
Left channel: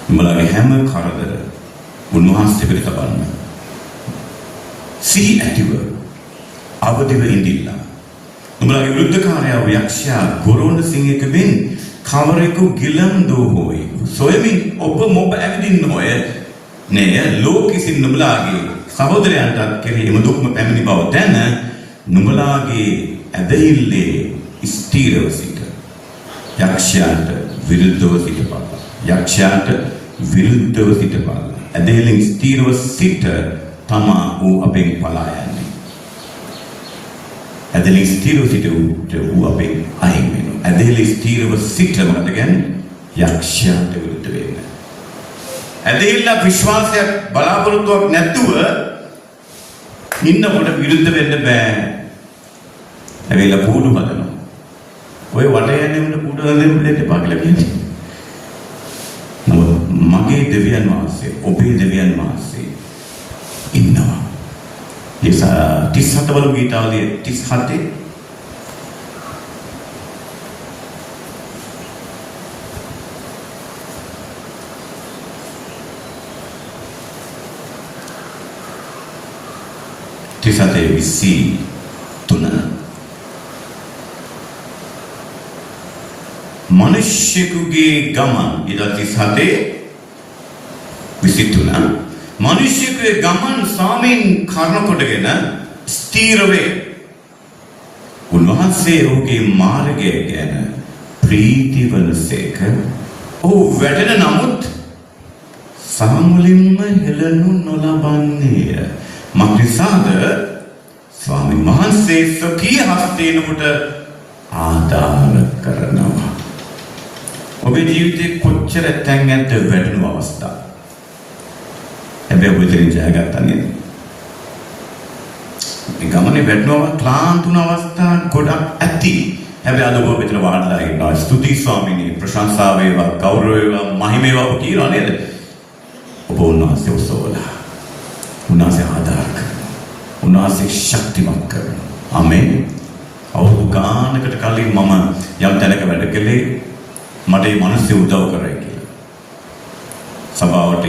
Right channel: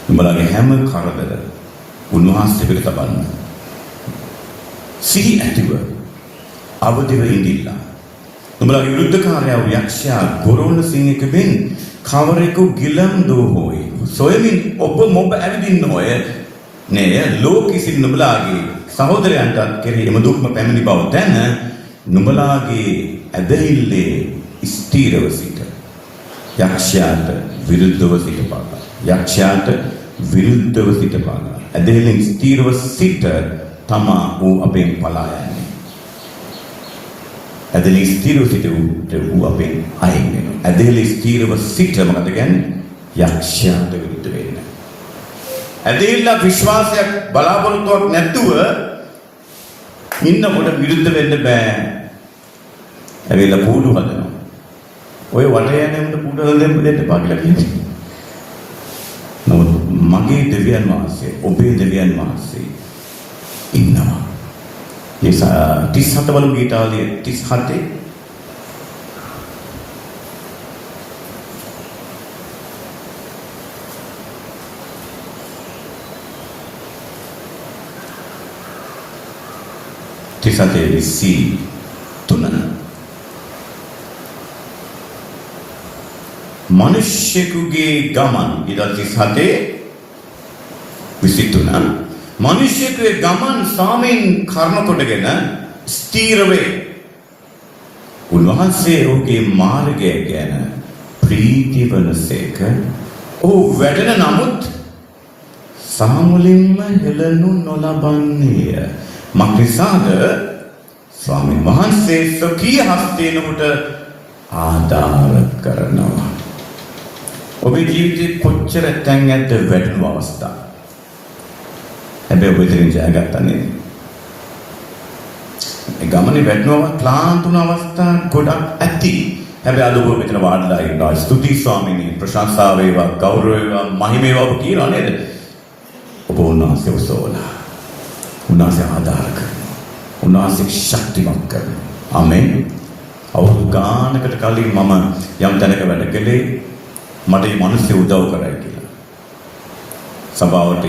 නුඹලාගේ හැම කරදර උන්වහන්සේ පිට තබන්න. සිහි ඇතිව අවදිව ඉඳිලා. නුඹලාගේ විරුද්ධකාරයා යක්ෂයා ගොරෝන සිංහකෙන් කවරෙකු ගිලන්දෝ හොයි. සොයමින් ඔබ මොබ ඇවිදින්න ඔය නේ ලෝකෙසින් නුඹලාගේ සහෝදරයන්ට කෙරෙහි එම දුක්ම පැමිණි බව දැන නුඹලාගේ ඇදහිල්ලේ ස්ථීරව සිට යක්ෂයාට විරුද්ධව සිටපාන. යක්ෂයාට විරුද්ධව සිටපාන. ඇදහිල්ලේ ස්ථීරව සිට තමා ඌ අපෙන් පලා යන්නේ. ඇදහිල්ලේ ස්ථීරව සිට ඌ අපෙන් අයින් වෙනවා. ඇදහිල්ලේ ස්ථීරව සිට මොකද කියන්නේ? යක්ෂයාට විරුද්ධ වෙන්න. ඇදහිල්ල විශ්වාසයක් බලාපොරොත්තුවක් නැතුව ඉන්නකොට විරුද්ධ වෙන්න බෑ. ඇවිල්ලා කූඩු හදනවා. ඔය වටේ යන්නේ උන්ට කූඩු හදන්න දෙන්න එපා කියලා කියන්නේ. නමුත් මගේ දෙවියන් වහන්සේ, ඔබේ දෙවියන් වහන්සේ ඉන්නවා. යස 37 වල ගීතාවලිය 37 37 මිනිස්සෙකුගේ ගමන් ඊට 37 මිනිස්සෙකුගේ ගමන් ස්වාමීන් කර්ම කොටගෙන ස්ථීර වේ. උන්වහන්සේ ඔහුගේ මාර්ගය ගැන ප්‍රීති වනසේක. ඔහු වැටෙන නමුත් සාමුලින්ම හෙළනු නොලබන්නේය. මක්නිසාද ස්වාමීන් වහන්සේ සකී හස්තයෙන් ඔහුට ආධාර කරනවා. ඔබේ ජීවිතේ කොච්චර තැන් ඇද්ද වැටෙන අවස්ථා. හැබැයි ඔබ ඉතින් ජයගත්තා නේද? මේ ගමනේ වැටෙනවා ක්ලාන්ත වුණ අවස්ථා ගොඩක් ඇති. හැබැයි අද ඔබ මෙතන වාඩිලා ඉන්නවා. ස්තුති ස්වාමීනි, ප්‍රශංසා වේවා, ගෞරව වේවා, මහිම වේවා ඔබ කියනවා නේද? ඔබ උන්වහන්සේ ඔසවලා. උන්වහන්සේ ආධාර කරනවා. උන්වහන්සේ ශක්තිමත් කරනවා. ආමෙන්. අවුරුදු ගානකට කලින් මම යම් තැනක වැඩ කළේ මට මේ මිනිස්සු උදව් කරයි කියලා. සභාවට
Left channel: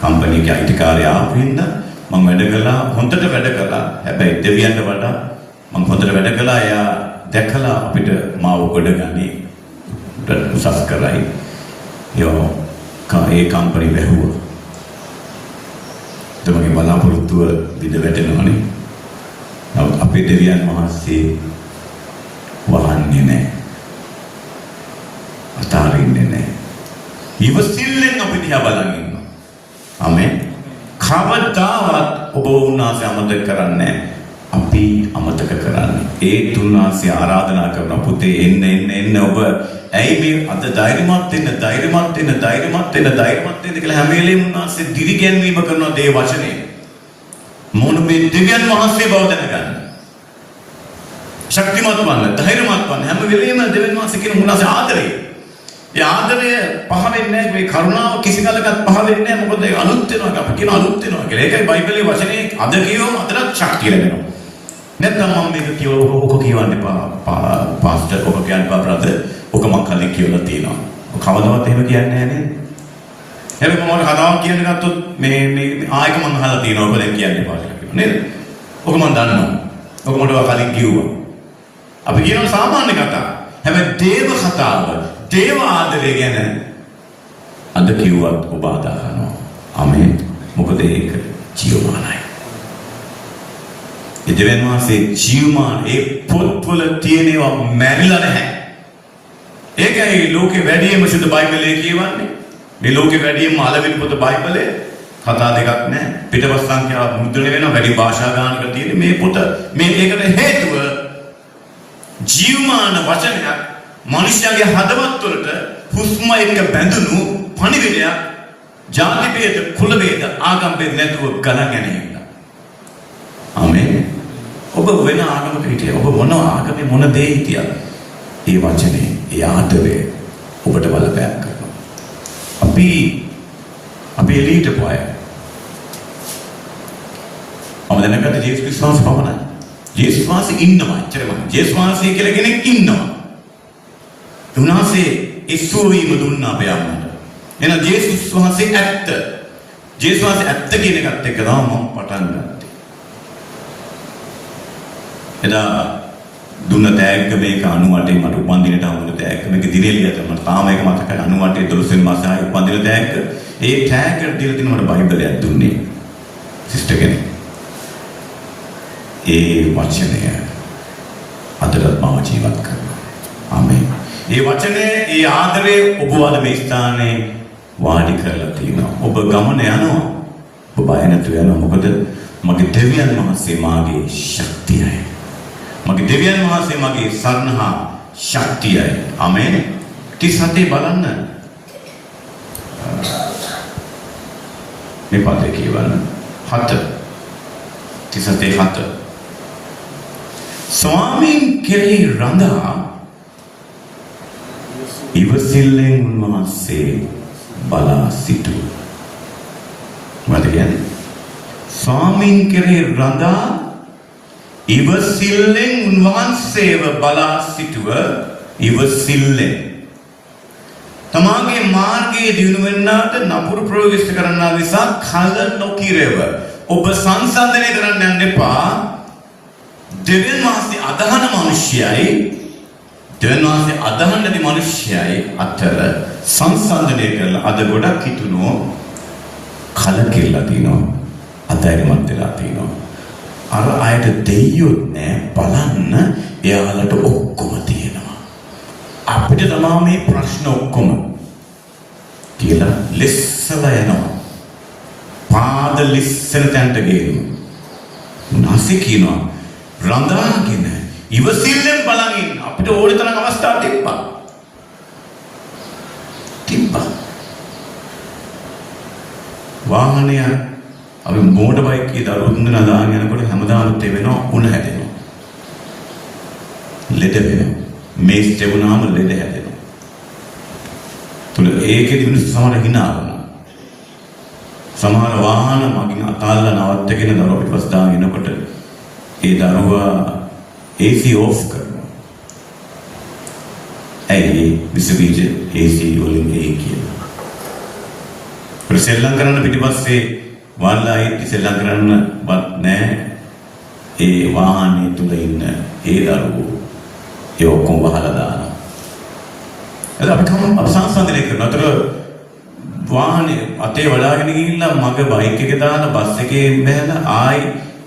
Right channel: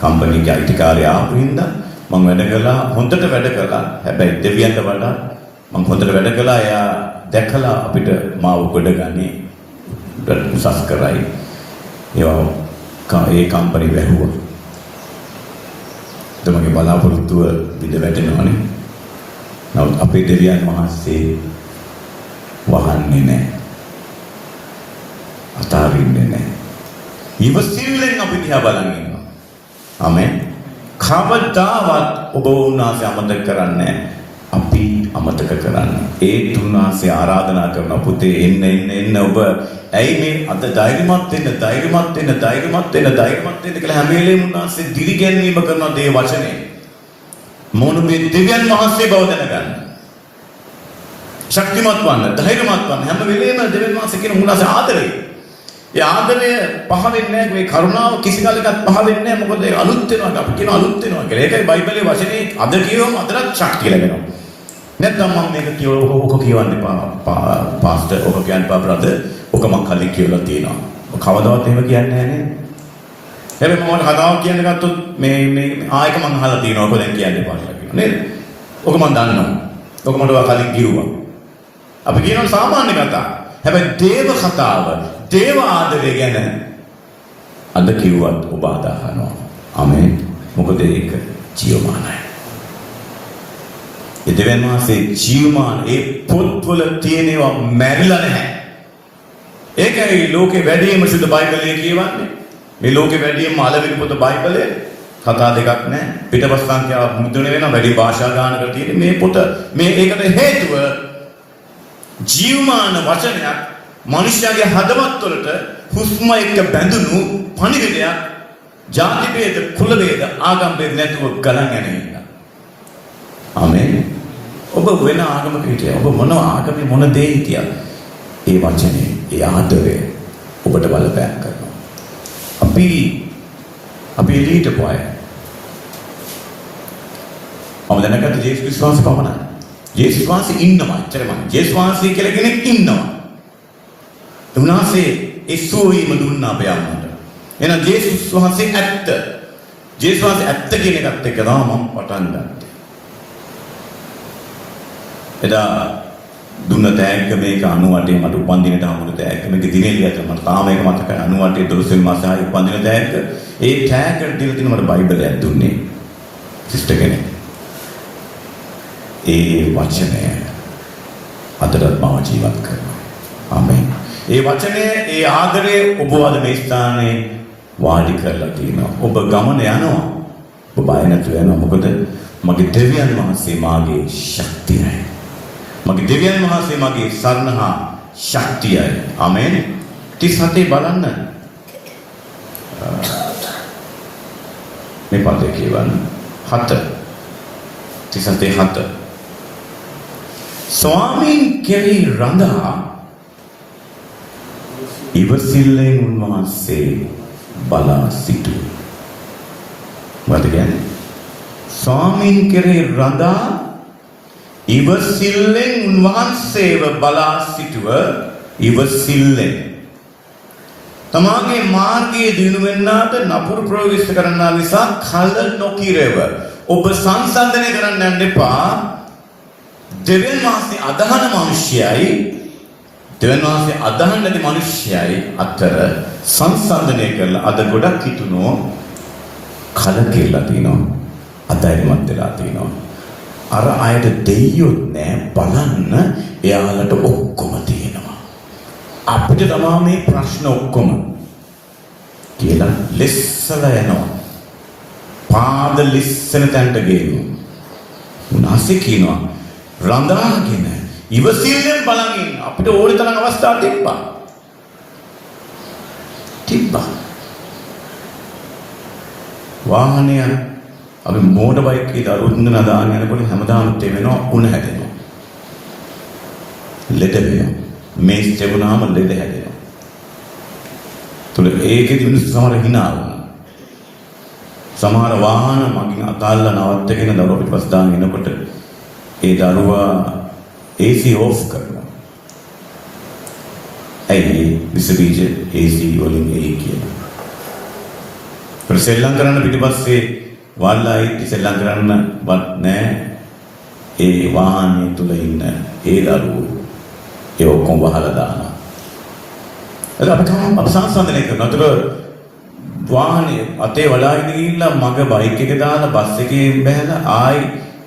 කම්පැනි එකේ අයිතිකාරය ආපු හින්දා මම වැඩ කළා, හොඳට වැඩ කළා. හැබැයි දෙවියන්ට වඩා මම හොඳට වැඩ කළා. එයා දැකලා අපිට මාව ගොඩ ගන්නේ උසස් කරයි. ඒ කම්පැනි වැහුවා. තමගේ බලාපොරොත්තුව විද වැටෙනවානේ. නමුත් අපේ දෙවියන් වහන්සේ වහන්නේ නැහැ. අතාරින්නේ නැහැ. ඉවසිල්ලෙන් අපි දිහා බලන් ඉන්නවා. ආමෙන්. කවදාවත් ඔබ උන්වහන්සේ අමතක කරන්නේ අපි අමතක කරන්නේ. ඒ තුන්වහන්සේ ආරාධනා කරන පුතේ එන්න ඔබ ඇයි මේ අද ධෛර්යමත් වෙන්න කියලා හැම වෙලේම උන්වහන්සේ දිරිගැන්වීම කරන දේ වචනේ. මොන මේ දෙවියන් වහන්සේ බව දැනගන්න. ශක්තිමත් වන්න, ධෛර්යමත් වන්න. හැම වෙලේම දෙවියන් වහන්සේ කියන උන්වහන්සේ ආදරේ. ඒ ආදරය පහ වෙන්නේ නැහැ. මේ කරුණාව කිසි කාලයකත් පහ වෙන්නේ නැහැ. මොකද ඒ අලුත් වෙනවා. අපි කියන අලුත් වෙනවා කියලා. ඒකයි බයිබලයේ වචනේ අද කියවම අදට ශක්තිය ලැබෙනවා. නැත්නම් මම මේක ඔක කියවන්න එපා. පාස්ටර් ඔක කියන්න එපා බ්‍රදර්. ඔක මම කලින් කියලා තියෙනවා. ඔක කවදාවත් එහෙම කියන්නේ නැහැ නේද? හැබැයි මම කතාවක් කියන්න ගත්තොත් මේ ආයක මම අහලා තියෙනවා. ඔක දැන් කියන්න එපා කියලා නේද? ඔක මම දන්නවා. ඔක මට කලින් කිව්වා. අපි කියනවා සාමාන්‍ය කතා. හැබැයි දේව කතාව, දේව ආදරය ගැන අද කිව්වත් ඔබ අදහනවා. ආමෙන්. මොකද ඒක ජීවමානයි. ඒ දෙවියන් වහන්සේ ජීවමාන ඒ පොත්වල තියෙනවා මැරිලා නැහැ. ඒකයි ලෝකේ වැඩිම සුදු බයිබලයේ කියවන්නේ. මේ ලෝකේ වැඩිම අලවිලි පොත බයිබලයේ කතා දෙකක් නැහැ. පිටපත් සංඛ්‍යාව මුද්‍රණය වෙන වැඩි භාෂා ගානකට තියෙන මේ පොත මේ ඒකට හේතුව ජීවමාන වචනයක් මනුෂ්‍යයාගේ හදවත් වලට හුස්ම එක්ක බැඳුණු පණිවිඩයක් ජාති ભેද කුල ભેද ආගම් ભેද නැතුව ගණන් ගැනීම. ආමෙන්. ඔබ වෙන ආගමක හිටියා. ඔබ මොන ආගමේ මොන දේ හිටියා. ඒ වචනේ, ඒ ආදරය ඔබට බලපෑම් කරනවා. අපි එළියට පොය. අපල නැකට ජේසුස් ක්‍රිස්තුස් පමණයි. ජේසුස් වහන්සේ ඉන්නවා. එච්චරම. ජේසුස් වහන්සේ කියලා කෙනෙක් ඉන්නවා. උන්වහන්සේ ඉස්සෝවීම දුන්නා අපේ අම්මට. එහෙනම් ජේසුස් වහන්සේ ඇත්ත. ජේසුස් වහන්සේ ඇත්ත කියන එකත් එක්ක තමයි මම පටන් ගත්තේ. එදා දුන්න තෑග්ග මේක 98 මට උපන්දිනට හමුණු තෑග්ග මේක දිනේ ලියලා මට තාම ඒක මතකයි 98 12 වෙනි මාසයේ උපන්දින තෑග්ග. ඒ තෑග්ග දීලා තින මට බයිබලයක් දුන්නේ සිස්ටර් කෙනෙක්. ඒ වචනය අදටත් මාව ජීවත් කරනවා. ආමෙන්. ඒ වචනය, ඒ ආදරය ඔබ අද මේ ස්ථානයේ වාඩි කරලා තියෙනවා. ඔබ ගමන යනවා. ඔබ බය නැතුව යනවා. මොකද මගේ දෙවියන් වහන්සේ මාගේ ශක්තියයි. මගේ දෙවියන් වහන්සේ මගේ සරණ හා ශක්තියයි. ආමෙන්. 37 බලන්න. මේ පදේ කියවන්න. 7. 37 ස්වාමීන් කෙරෙහි රඳා ඉවසිල්ලෙන් උන්වහන්සේ බලා සිටු. මොකද කියන්නේ? ස්වාමීන් කෙරෙහි රඳා ඉවසිල්ලෙන් උන්වහන්සේව බලා සිටුව. ඉවසිල්ලෙන් තමාගේ මාර්ගයේ දිනු වෙන්නාට නපුරු ප්‍රයෝගිත කරන්නා නිසා කල නොකිරව. ඔබ සංසන්දනය කරන්න යන්න එපා. දෙවියන් වහන්සේ අදහන මිනිසයයි දෙවියන් වහන්සේ අදහන නැති මිනිසයයි අතර සංසන්දනය කරලා අද ගොඩක් හිතුනෝ කලකිරලා තිනවා. අධෛර්යමත් වෙලා තිනවා. අර අයට දෙයියෝ නෑ බලන්න එයාලට ඔක්කොම තියෙනවා. අපිට තමයි මේ ප්‍රශ්න ඔක්කොම කියලා ලෙස්සලා යනවා. පාද ලිස්සන තැනට ගේනවා. උනාසේ කියනවා රඳාගෙන ඉවසිල්ලෙන් බලන් ඉන්න. අපිට ඕනි තරම් අවස්ථා තිබ්බා. වාහනය අපි මෝටර් බයික් එකේ දරුවෝ තුන්දෙනා දාගෙන යනකොට හැමදාම තේ වෙනවා උණ හැදෙනවා. ලෙඩ වෙනවා. මේස් දෙවුනාම ලෙඩ හැදෙනවා. තුල ඒකෙදි මිනිස්සු සමහර hina වුණා. සමහර වාහන මගින් අතාල්ලා නවත්තගෙන දරුවා පිටපස්ස දාගෙන එනකොට ඒ දරුවා AC off කරනවා. ඇයි විසබීජ AC වලින් ඒ කියනවා. සෙල්ලම් කරන්න පිටිපස්සේ වාල්ලායි සෙල්ලම් කරන්නවත් නැහැ. ඒ වාහනේ තුල ඉන්න ඒ දරුවෝ ඒ ඔක්කොම වහලා දානවා. එතකොට අපි සංසන්දනය කරනවා. අතට වාහනේ අතේ වලාගෙන ගිහිල්ලා මග බයික් එක දාලා බස් එකේ බැලලා ආයි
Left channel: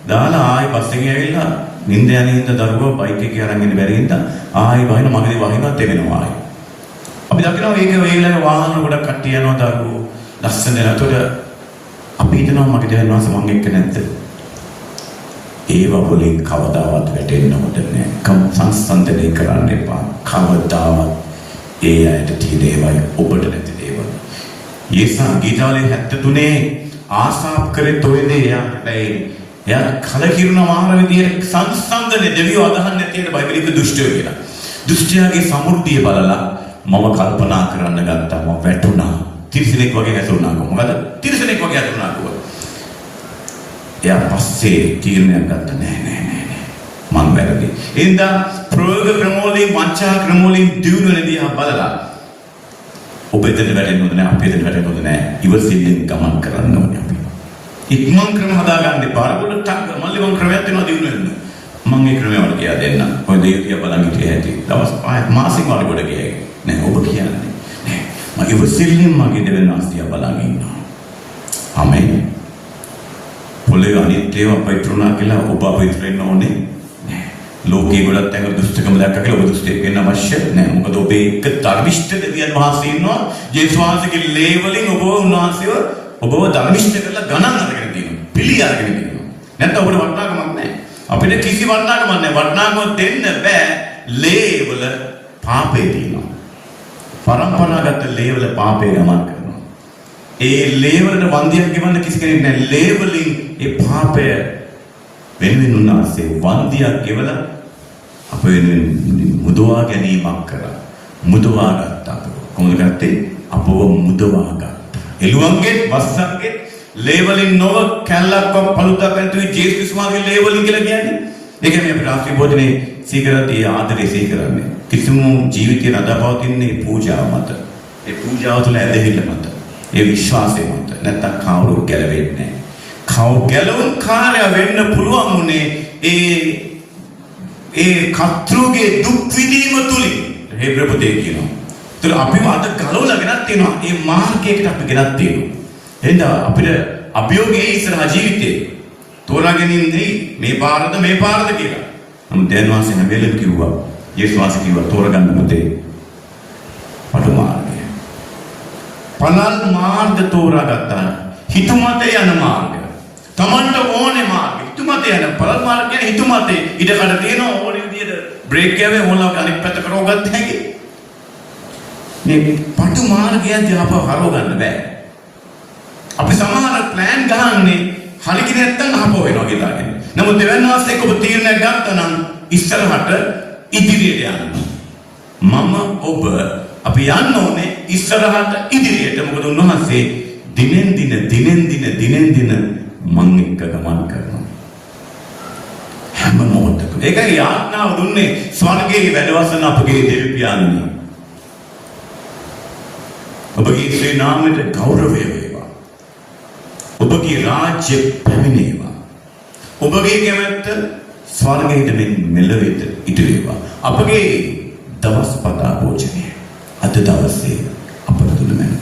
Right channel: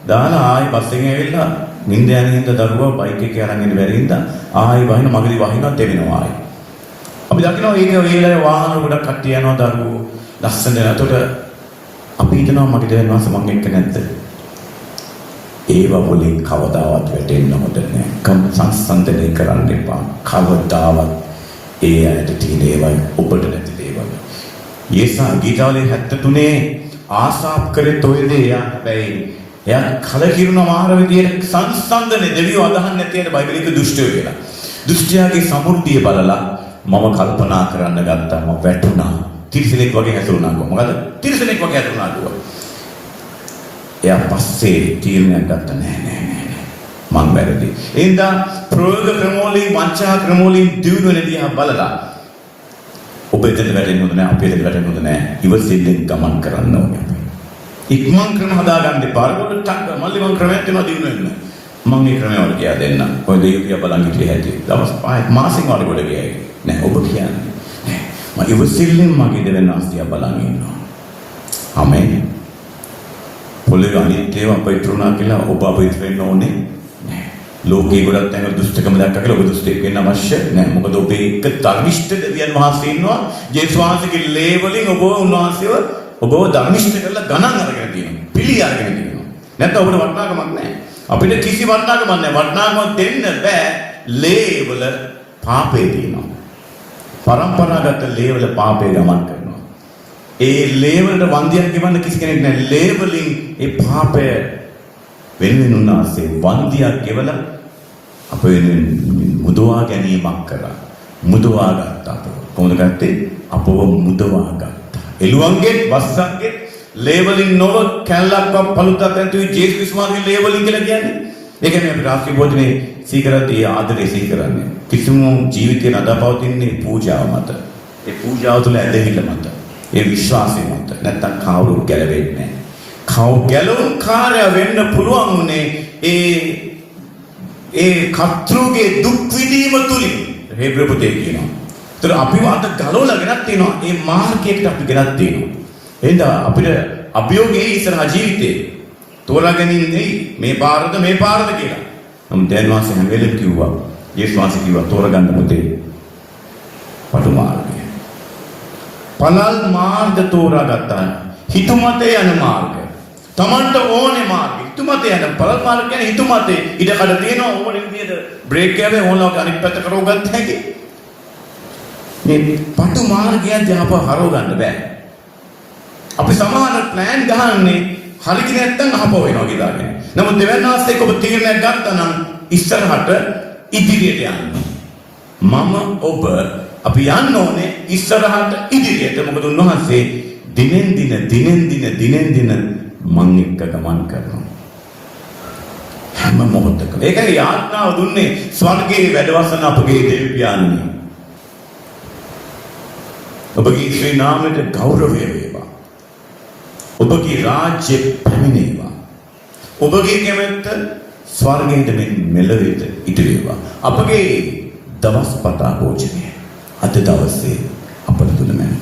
දාලා ආයි බස් එකෙන් ඇවිල්ලා නිින්ද යන හින්ද දරුවා බයික් එකේ අරන් ඉන්න බැරි හින්දා ආයි වහින මගදී වහිනවත් එවෙනවා ආයි. අපි දකිනවා ඒක ඔයලා වාහන ගොඩක් කට්ටිය යනවා දරුවෝ ලස්සන නේද? අපි හිතනවා මගේ දෙවනවාස මං එක්ක නැද්ද? ඒව වලින් කවදාවත් වැටෙන්න හොඳ නැහැ. සංසන්දනය කරන්න එපා. කවදාවත් ඒ ඇයට තියෙන ඒවා ඔබට නැති දේවල්. යේසා ගීතාවලින් 73 ආසාප් කරේ තොයදේ එයා කලකිරුණ මාර විදියට සංසන්දනේ දෙවියෝ අදහන් නැති ඇයට බයිබලෙක දුෂ්ටයෝ කියලා. දුෂ්ටයාගේ සමෘද්ධිය බලලා මම කල්පනා කරන්න ගත්තා. මම වැටුණා. තිරිසනෙක් වගේ ඇතුණා කො මොකද තිරිසනෙක් වගේ ඇතුණා කිව්වා. එයා පස්සේ තීරණයක් ගත්තා නෑ මං වැරදි. එහෙනම් ප්‍රයෝග ක්‍රමවලින් වංචා ක්‍රමවලින් දිනුන දිහා බලලා ඔබ එතන වැටෙන්න හොඳ නෑ අපි එතන වැටෙන්න හොඳ නෑ ඉවසිල්ලෙන් ගමන් කරන්න ඕනේ අපි. ඉක්මන් ක්‍රම හදාගන්න එපා. අරගොල්ලෝ ටක් මල්ලි මං ක්‍රමයක් දෙනවා දිනු වෙන්න. මං ඒ ක්‍රමය වල කියා දෙන්න. ඔය දෙවිය බලන් ඉතිරි හැටි. දවස් 5 මාසෙක වල ගොඩ ගියයි. නෑ ඔබ කියන්නේ. මම ඉවසිල්ලෙන් මගේ දෙවනාසිය බලන් ඉන්නවා. ආමෙන්. පොළේ අනිත්‍යව අපිටුණා කියලා ඔබ අපිට වෙන්න ඕනේ නෑ. ලෝකේ ගොඩක් තැන් දුෂ්ටකම දැක්ක කියලා ඔබ දුෂ්ටෙක් වෙන්න අවශ්‍ය නෑ. මොකද ඔබ එක ධර්මිෂ්ඨ දෙවියන් වහන්සේ ඉන්නවා. ජේසුස් වහන්සේගේ ලේබලින් ඔබ උන්වහන්සේව ඔබව ධර්මිෂ්ඨ කරලා ගණන් අරගෙන තියෙනවා. පිළි අරගෙන තියෙනවා. නැත්නම් ඔබට වටිනාකමක් නෑ. අපිට කිසි වටිනාකමක් නෑ. වටිනාකමක් දෙන්න බෑ. ලේවල පාපේ තියෙනවා. පරම්පරාගත ලේවල පාපේ ගමන් කරනවා. ඒ ලේවලට වන්දියක් ගෙවන්න කිසි කෙනෙක් නැහැ. ලේවලින් ඒ පාපය වෙනුවෙන් උනාසේ වන්දියක් ගෙවලා අප වෙනුවෙන් මුදවා ගැනීමක් කරා. මුදවා ගත්තා. කොහොමද ගත්තේ? අපව මුදවා ගත්තා. එළුවන්ගේ වස්සන්ගේ ලේවලින් නොව කැලලක්ව පළුතක් නැතුයි ජේසුස් වහන්සේ ලේවලින් කියලා කියන්නේ. ඒ කියන්නේ අපි රාත්‍රී භෝජනේ සීකරද්දී ආදරේ සීකරන්නේ. කිසිම ජීවිතේ නදාපවතින්නේ පූජාව මත. ඒ පූජාව තුළ ඇදහිල්ල මත. ඒ විශ්වාසය මත. නැත්තම් කවුරු ගැලවෙන්නේ නැහැ. ගැලවුම් කාර්ය වෙන්න පුළුවන් උනේ ඒ කර්තෘගේ දුක් විඳීම තුලින්. හේබ්‍ර පොතේ කියනවා. ඒතර අපිව අද ගලවලා ගෙනත් තියෙනවා. මේ මාර්ගයකට අපි ගෙනත් තියෙනවා. එහෙනම් අපිට අභියෝගයේ ඉස්සරහ ජීවිතේ තෝරා ගැනීම නෙයි මේ පාරද කියලා. නම් දැන් වාසේ හැම වෙලෙම කිව්වා. යේසුස් වහන්සේ කිව්වා තෝරගන්න මොතේ පටු මාර්ගය. පළල් මාර්ග තෝරාගත්තා. හිතුමතේ යන මාර්ග. Tamanට ඕනේ මාර්ග. හිතුමතේ යන පළල් මාර්ග කියන්නේ හිතුමතේ ඉඩකඩ තියෙන ඕනේ විදිහට බ්‍රේක් ගෑවේ ඕනලා අනිත් පැත්ත කරව ගන්න හැකි. මේ පටු මාර්ගය ජහප හරව ගන්න බෑ. අපි සමහර ප්ලෑන් ගහන්නේ හරියට නැත්තම් අහපව වෙනවා කියලාගෙන. නමුත් දෙවන ආස්තෙක ඔබ තීරණයක් ගත්තා නම් ඉස්සරහට ඉදිරියට යන්න. මම ඔබ අපි යන්න ඕනේ ඉස්සරහට ඉදිරියට. මොකද උන්වහන්සේ දිනෙන් දින මං එක්ක ගමන් කරනවා. හැම මොහොතකම. ඒකයි යාඥාව දුන්නේ ස්වර්ගයේ වැඩවසන අපගේ දෙවි පියාණනි. ඔබගේ ශ්‍රී නාමයට ගෞරවය වේවා. ඔබගේ රාජ්‍ය පැමිණේවා. ඔබගේ කැමැත්ත ස්වර්ගයට මෙලෙවිට ඉටු වේවා. අපගේ දවස් පතා භෝජනය අද දවසේ අපට දුන්න මැන.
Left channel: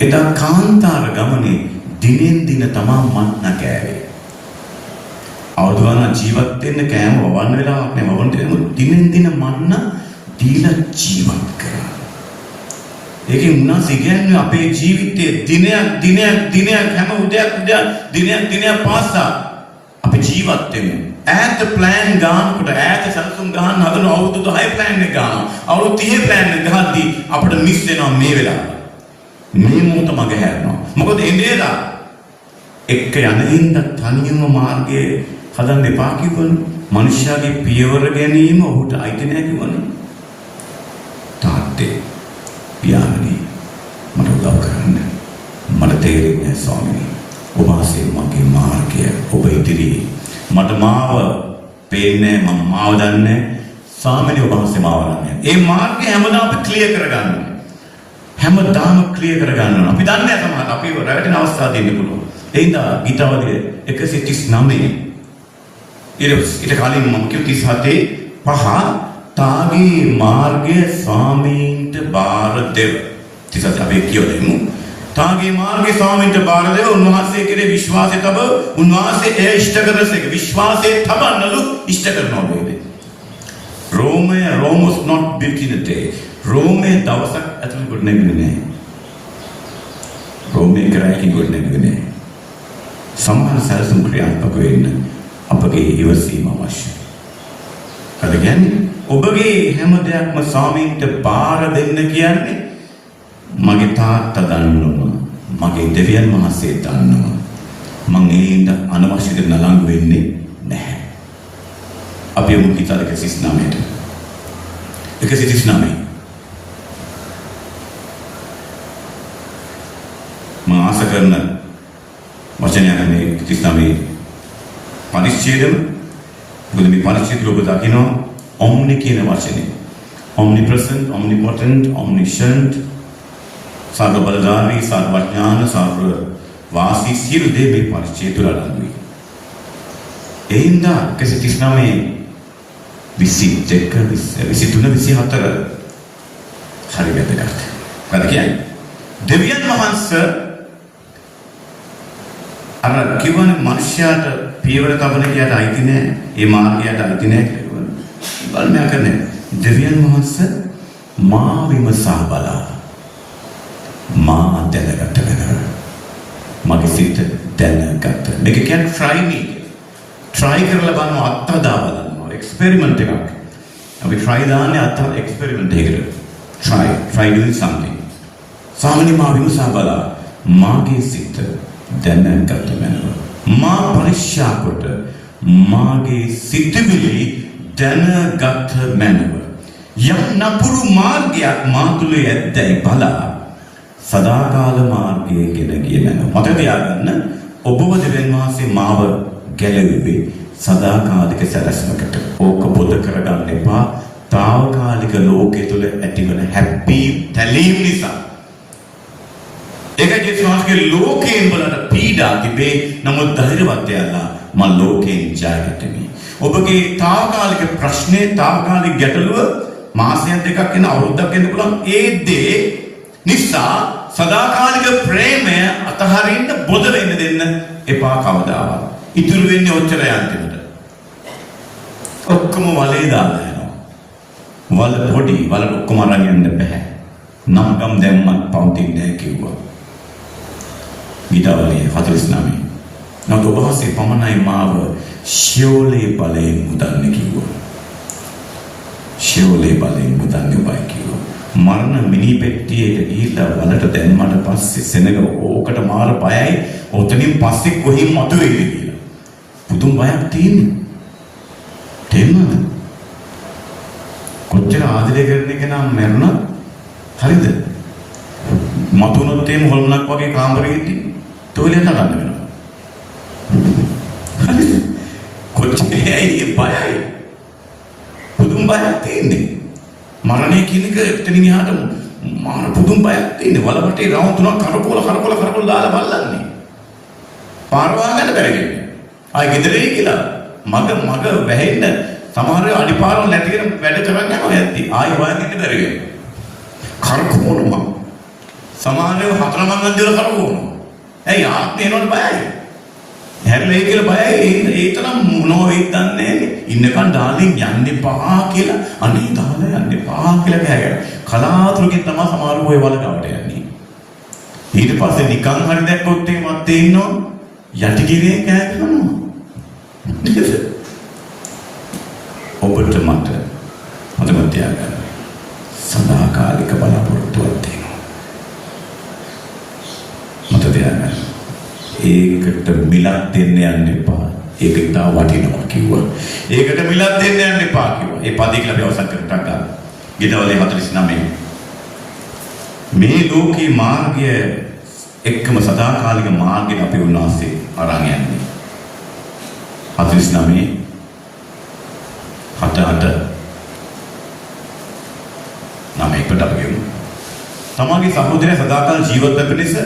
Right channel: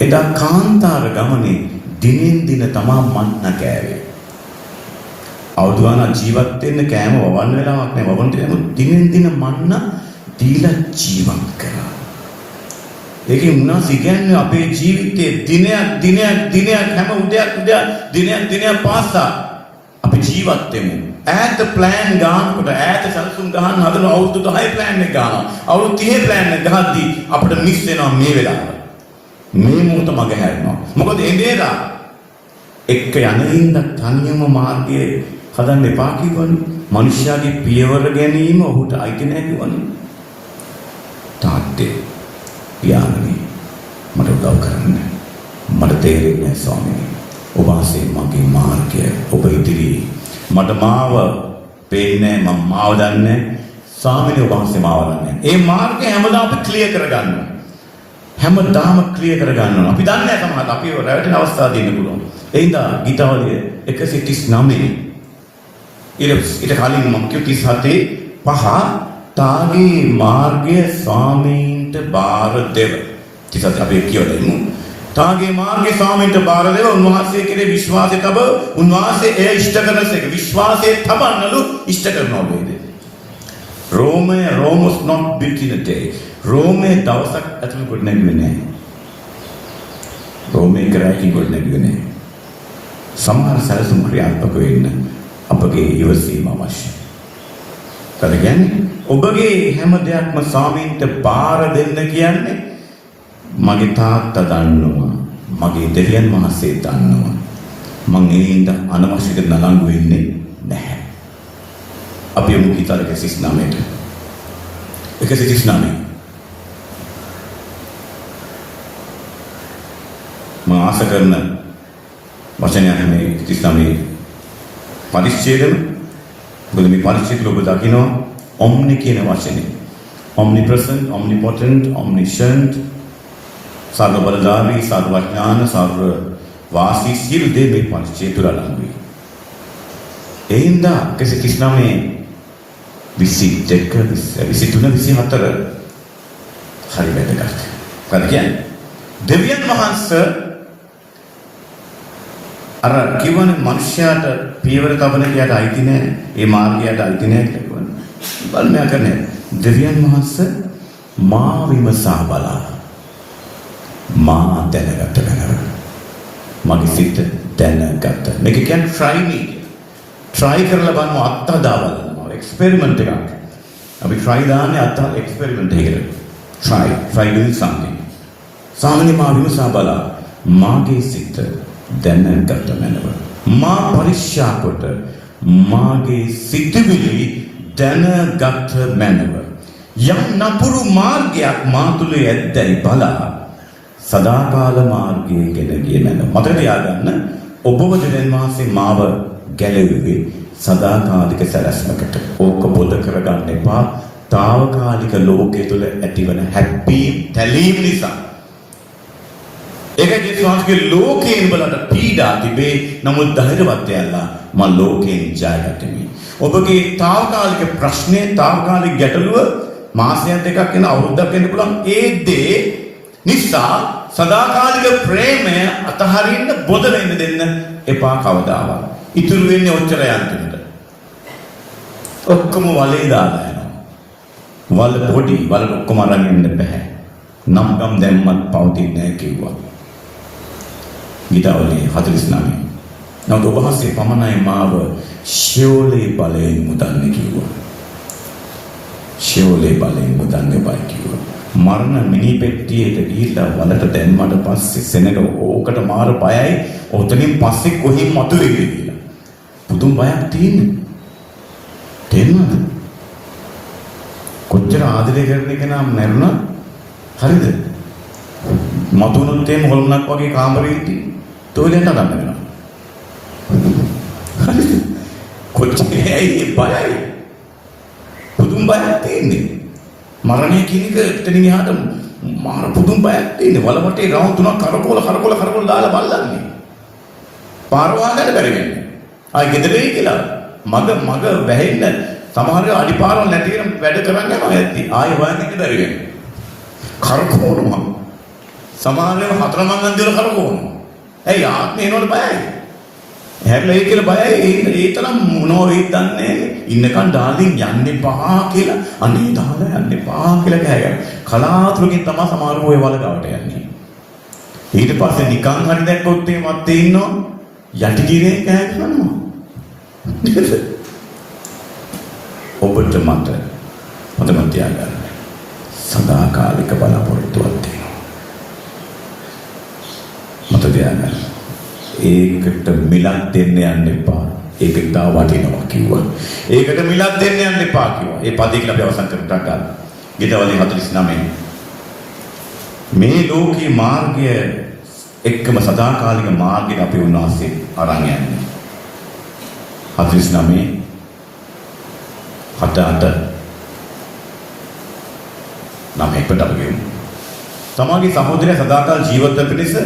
එදා කාන්තාර ගමනේ දිනෙන් දින තමා මන්න කෑවේ. අවුදුවන ජීවත් වෙන්න කෑම වවන්න වෙලාවක් නෑ. වවන්න නමුත් දිනෙන් දින මන්න දීලා ජීවත් කරා. ඒකේ මුණාසි කියන්නේ අපේ ජීවිතේ දිනයක් හැම උදයක් දිනයක් පාසා අපි ජීවත් වෙමු. ඈත ප්ලෑන් ගන්නකොට ඈත සම්සුන් ගන්න හදන අවුරුදු 10 ප්ලෑන් එක ගන්නවා. අවුරුදු 30 ප්ලෑන් එක ගහද්දී අපිට මිස් වෙනවා මේ වෙලාව. මේ මොහොත මග හැරෙනවා. මොකද එඳේලා එක්ක යනින්ද තනියම මාර්ගයේ හදන්න එපා කිව්වනේ. මනුෂ්‍යයාගේ පියවර ගැනීම ඔහුට අයිති නැහැ කිව්වනේ. තාත්තේ පියාණනි මට උදව් කරන්න. මට තේරෙන්නේ නැහැ ස්වාමීනි. ඔබ ආසේ මගේ මාර්ගය ඔබ ඉදිරියේ මට මාව පේන්නේ මම මාව දන්නේ ස්වාමීනි ඔබ ආසේ මාව දන්නේ. ඒ මාර්ගය හැමදාම අපි ක්ලියර් කරගන්න ඕනේ. හැමදාම ක්ලියර් කරගන්න. අපි දන්නේ නැහැ සමහරවිට අපි රැවටෙන අවස්ථා දෙන්න පුළුවන්. ඒ හින්දා ගීතාවලිය 139 ඊට කලින් මම කිව්ව 37 තාගේ මාර්ගය ස්වාමීන්ට බාර දෙව. 37 අපි කියවලෙමු. තාගේ මාර්ගය ස්වාමීන්ට බාර දෙව උන්වහන්සේ කෙරේ විශ්වාසය තබ උන්වහන්සේ එය ඉෂ්ට කරනසේක විශ්වාසයේ තබන්නලු ඉෂ්ට කරනවා වේද. Rome was not built in a day. Rome දවසක් ඇතුළත කොට නැගුවේ නෑ. Rome කරායකින් කොට නැගුවේ නෑ. සමහර සැලසුම් ක්‍රියාත්මක වෙන්න අපගේ ඉවසීම අවශ්‍යයි. ඒ කියන්නේ ඔබගේ හැම දෙයක්ම ස්වාමීන්ට බාර දෙන්න කියන්නේ මගේ තාත්තා දන්නවා. මගේ දෙවියන් වහන්සේ දන්නවා. මම ඒඳ අනවශ්‍ය දෙයක් නලංගු වෙන්නේ නැහැ. අපි යමු ගීතාවක 39ට. 139. මම ආශා කරන වචනයක් මේ 39 පරිච්ඡේදෙම මොකද මේ පරිච්ඡේදය ඔබ දකිනවා omni කියන වචනේ. omnipresent, omnipotent, omniscient, සර්ව බලධාරී, සර්වඥාන, සර්ව වාසී සියලු දේ මේ පරිච්ඡේදය තුළ අඩංගුයි. එයින්දා 139 22 23 24 හරි වැදගත්. මොකද කියන්නේ? දෙවියන් වහන්සේ අර කිව්වනේ මනුෂ්‍යයාට පියවර තබන කියට අයිති නැහැ. ඒ මාර්ගයට අයිති නැහැ කියලා කිව්වනේ. බලන්න කරන්නේ. දෙවියන් වහන්සේ මා විමසා බලා මා දැනගත්ත වෙනවා. මගේ සිත දැනගත්ත. මේක කියන්නේ try me. try කරලා බලන්න අත්හදා බලන්න. එක්ස්පෙරිමන්ට් එකක්. අපි try දාන්නේ අත්හදා එක්ස්පෙරිමන්ට් එකකට. try doing something. සාමාන්‍ය මා විමසා බලා මාගේ සිත දැනගත මැනව. මා පරික්ෂා කොට මාගේ සිතවිලි දැනගත මැනව. යම් නපුරු මාර්ගයක් මා තුල ඇද්දයි බලා සදාකාල මාර්ගයේ ගෙන ගිය මැනව. මතක තියාගන්න ඔබව දෙවියන් වහන්සේ මාව ගැලවුවේ සදාකාලික සැලැස්මකට. ඕක පොද කරගන්න එපා. తాවකාලික ලෝකයේ තුල ඇතිවන හැපි තැලීම් නිසා. ඒකයි ස්වාමීගේ ලෝකයෙන් බලට පීඩා තිබේ. නමුත් ධෛර්යවත් වෙලා මම ලෝකයෙන් ජයගත්තමි. ඔබගේ తాවකාලික ප්‍රශ්නේ తాවකාලික ගැටලුව මාසයක් දෙකක් යන අවුරුද්දක් යන පුළුවන්. ඒ දේ නිසා සදාකාලික ප්‍රේමය අතහරින්න බොද වෙන්න දෙන්න එපා කවදාවත්. ඉතුරු වෙන්නේ ඔච්චර යන්තිමට. ඔක්කොම වලේ දාලා යනවා. වල පොඩි වල ඔක්කොම අරන් යන්න බෑ. නම්ගම් දැම්මත් පවතින්නේ නැහැ කිව්වා. ගීතාවලිය 49. නමුත් ඔබ වහන්සේ පමණයි මාව ශියෝලේ බලයෙන් මුදන්න කිව්වා. ශියෝලේ බලයෙන් මුදන්න බයි කිව්වා. මරණ මිනි පෙට්ටියට ගිහිල්ලා වලට දැම්මට පස්සේ සෙනග ඕකට මාර බයයි. ඔතනින් පස්සේ කොහින් මතුවේද කියලා. පුදුම බයක් තියෙන්නේ. තේරුණාද? කොච්චර ආදරය කරන කෙනා මැරුණා හරිද? මතුනොත් එම් හොල්මනක් වගේ කාමරයේදී තෝලෙන් නඩන්න වෙනවා. හරිද? කොච්චර ඇයි බයයි? පුදුම බයක් තියෙන්නේ. මරණය කියන එක එතනින් එහාට මාර පුදුම බයක් තියෙන්නේ. වලවටේ රවුම් තුනක් කරකෝල දාලා බල්ලන්නේ. පාරවා ගන්න බැරි වෙන්නේ. ආයි ගෙදරේ කියලා මග වැහෙන්න සමහර අඩිපාරවල් නැති වෙන වැඩ කරන්නේ නැති. ආයි හොයන්න බැරි වෙන්නේ. කරකෝනවා. සමහරව හතර මංගල් දල කරකෝනවා. ඇයි ආත්මේ එනවල බයයි. හැබැයි කියලා බයයි ඒ තරම් මොනෝ වෙයිද දන්නේ ඉන්නකන් ඩාර්ලින් යන්න එපා කියලා අනේ දාලා යන්න එපා කියලා ගහගෙන කලාතුරකින් තමයි සමහරව ඔය වල ගාවට යන්නේ. ඊට පස්සේ නිකන් හරි දැක්කොත් එහෙමත් ඉන්නවා යටි ගිරේ කෑ ගන්නවා. ඔබට මතක තියාගන්න සදාකාලික බලාපොරොත්තුවක් තියෙනවා. මත තියාගන්න ඒකට මිලක් දෙන්න යන්න එපා. ඒක ඉතා වටිනවා කිව්වා. ඒකට මිලක් දෙන්න යන්න එපා කිව්වා. ඒ පදේ කියලා අපි අවසන් කරට ගන්න. ඊටවලේ 49. මේ ලෝකේ මාර්ගය එක්කම සදාකාලික මාර්ගයට අපි උන්වහන්සේ අරන් යන්නේ. 49 7 9කට අපි ගමු. තමාගේ සහෝදරයා සදාකාල ජීවත් වෙන පිණිස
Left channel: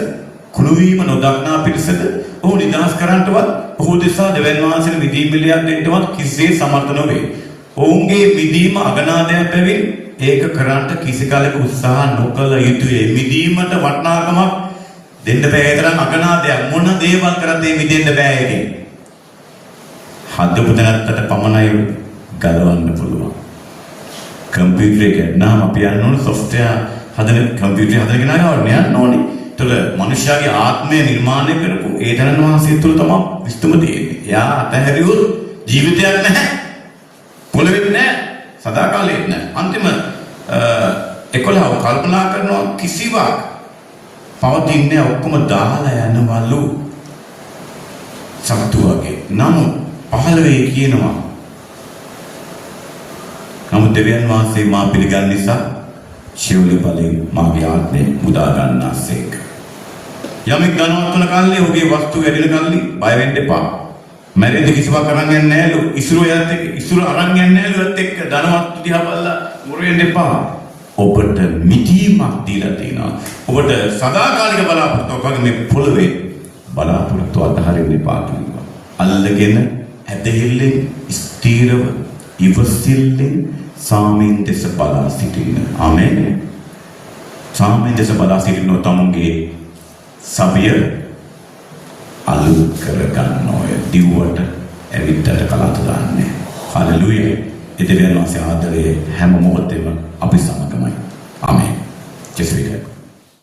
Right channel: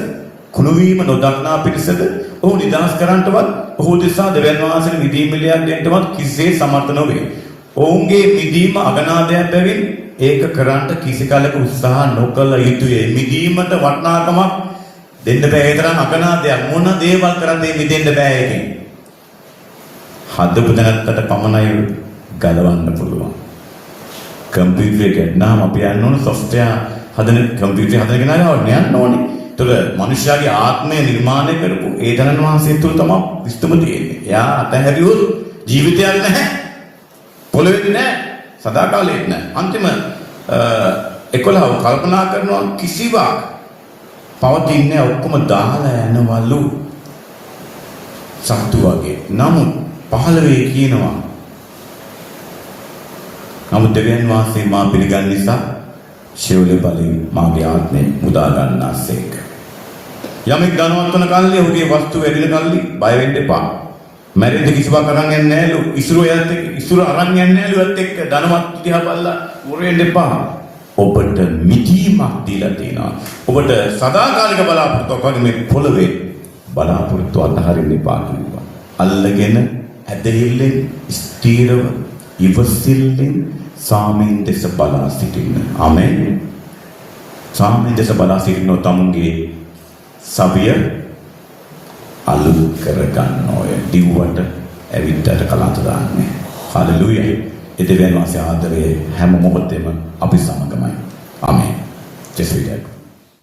කුණුවීම නොදක්නා පිරිසද ඔහු නිදහස් කරන්නටවත් ඔහු දෙසා දෙවියන් වහන්සේගේ මිදීම පිළියක් දෙන්නටවත් කිසිසේ සමර්ථ නොවේ. ඔවුන්ගේ මිදීම අගනාදයක් බැවින් ඒක කරන්නට කිසි කලක උත්සාහ නොකළ යුතුය. මිදීමට වටිනාකමක් දෙන්න බෑ. ඒ තරම් අගනාදයක් මොන දේවල් කරත් ඒ මිදෙන්න බෑ ඒකෙන්. හදපු දැනත්තට පමණයි ගලවන්න පුළුවන්. කම්පියුටර් එක නම් අපි යන්න ඕන සොෆ්ට්වෙයාර් හදන කම්පියුටර් හදන කෙනා ගාවට යන්න ඕනේ. ඒතර මනුෂ්‍යයාගේ ආත්මය නිර්මාණය කරපු ඒ දනන් වහන්සේ තුළ තමයි විස්තම තියෙන්නේ. එයා අතහැරියොත් ජීවිතයක් නැහැ. පොළොවේ නැහැ. සදාකාලෙත් නැහැ. අන්තිම 11 කල්පනා කරනවා කිසිවක් පවතින්නේ ඔක්කොම දාලා යනවලු. සත්තු වගේ. නමුත් 15 කියනවා. නමුත් දෙවියන් වහන්සේ මා පිළිගන්න නිසා ශේවලේ බලයෙන් මාගේ ආත්මය මුදා ගන්නාසේක. යමෙක් ධනවත් වන කල්ලි ඔහුගේ වස්තු වැඩින කල්ලි බය වෙන්න එපා. මැරෙන්න කිසිවක් අරන් යන්නේ නැහැලු. ඉසුරයත් එක්ක ඉසුර අරන් යන්නේ නැහැලු ඒත් එක්ක ධනවත් දිහා බලලා මුරෙන්න එපා. ඔබට මිදීමක් දීලා තියෙනවා. ඔබට සදාකාලික බලාපොරොත්තුවක් වගේ මේ පොළවේ බලාපොරොත්තු අතහරින්න එපා කිව්වා. අල්ලගෙන ඇදහිල්ලෙන් ස්ථීරව ඉවසිල්ලෙන් සාමෙන් දෙස බලා සිටින්න. ආමෙන්. සාමෙන් දෙස බලා සිටින්න තමුන්ගේ සබිය අලුත් කරගන්න ඔය දිව්වට ඇවිද්දට කලන්ත දාන්නේ. හලෙලූයා. ඒ දෙවියන් වහන්සේ ආදරේ හැම මොහොතේම අපි සමගමයි. ආමෙන්. ජෙසුස්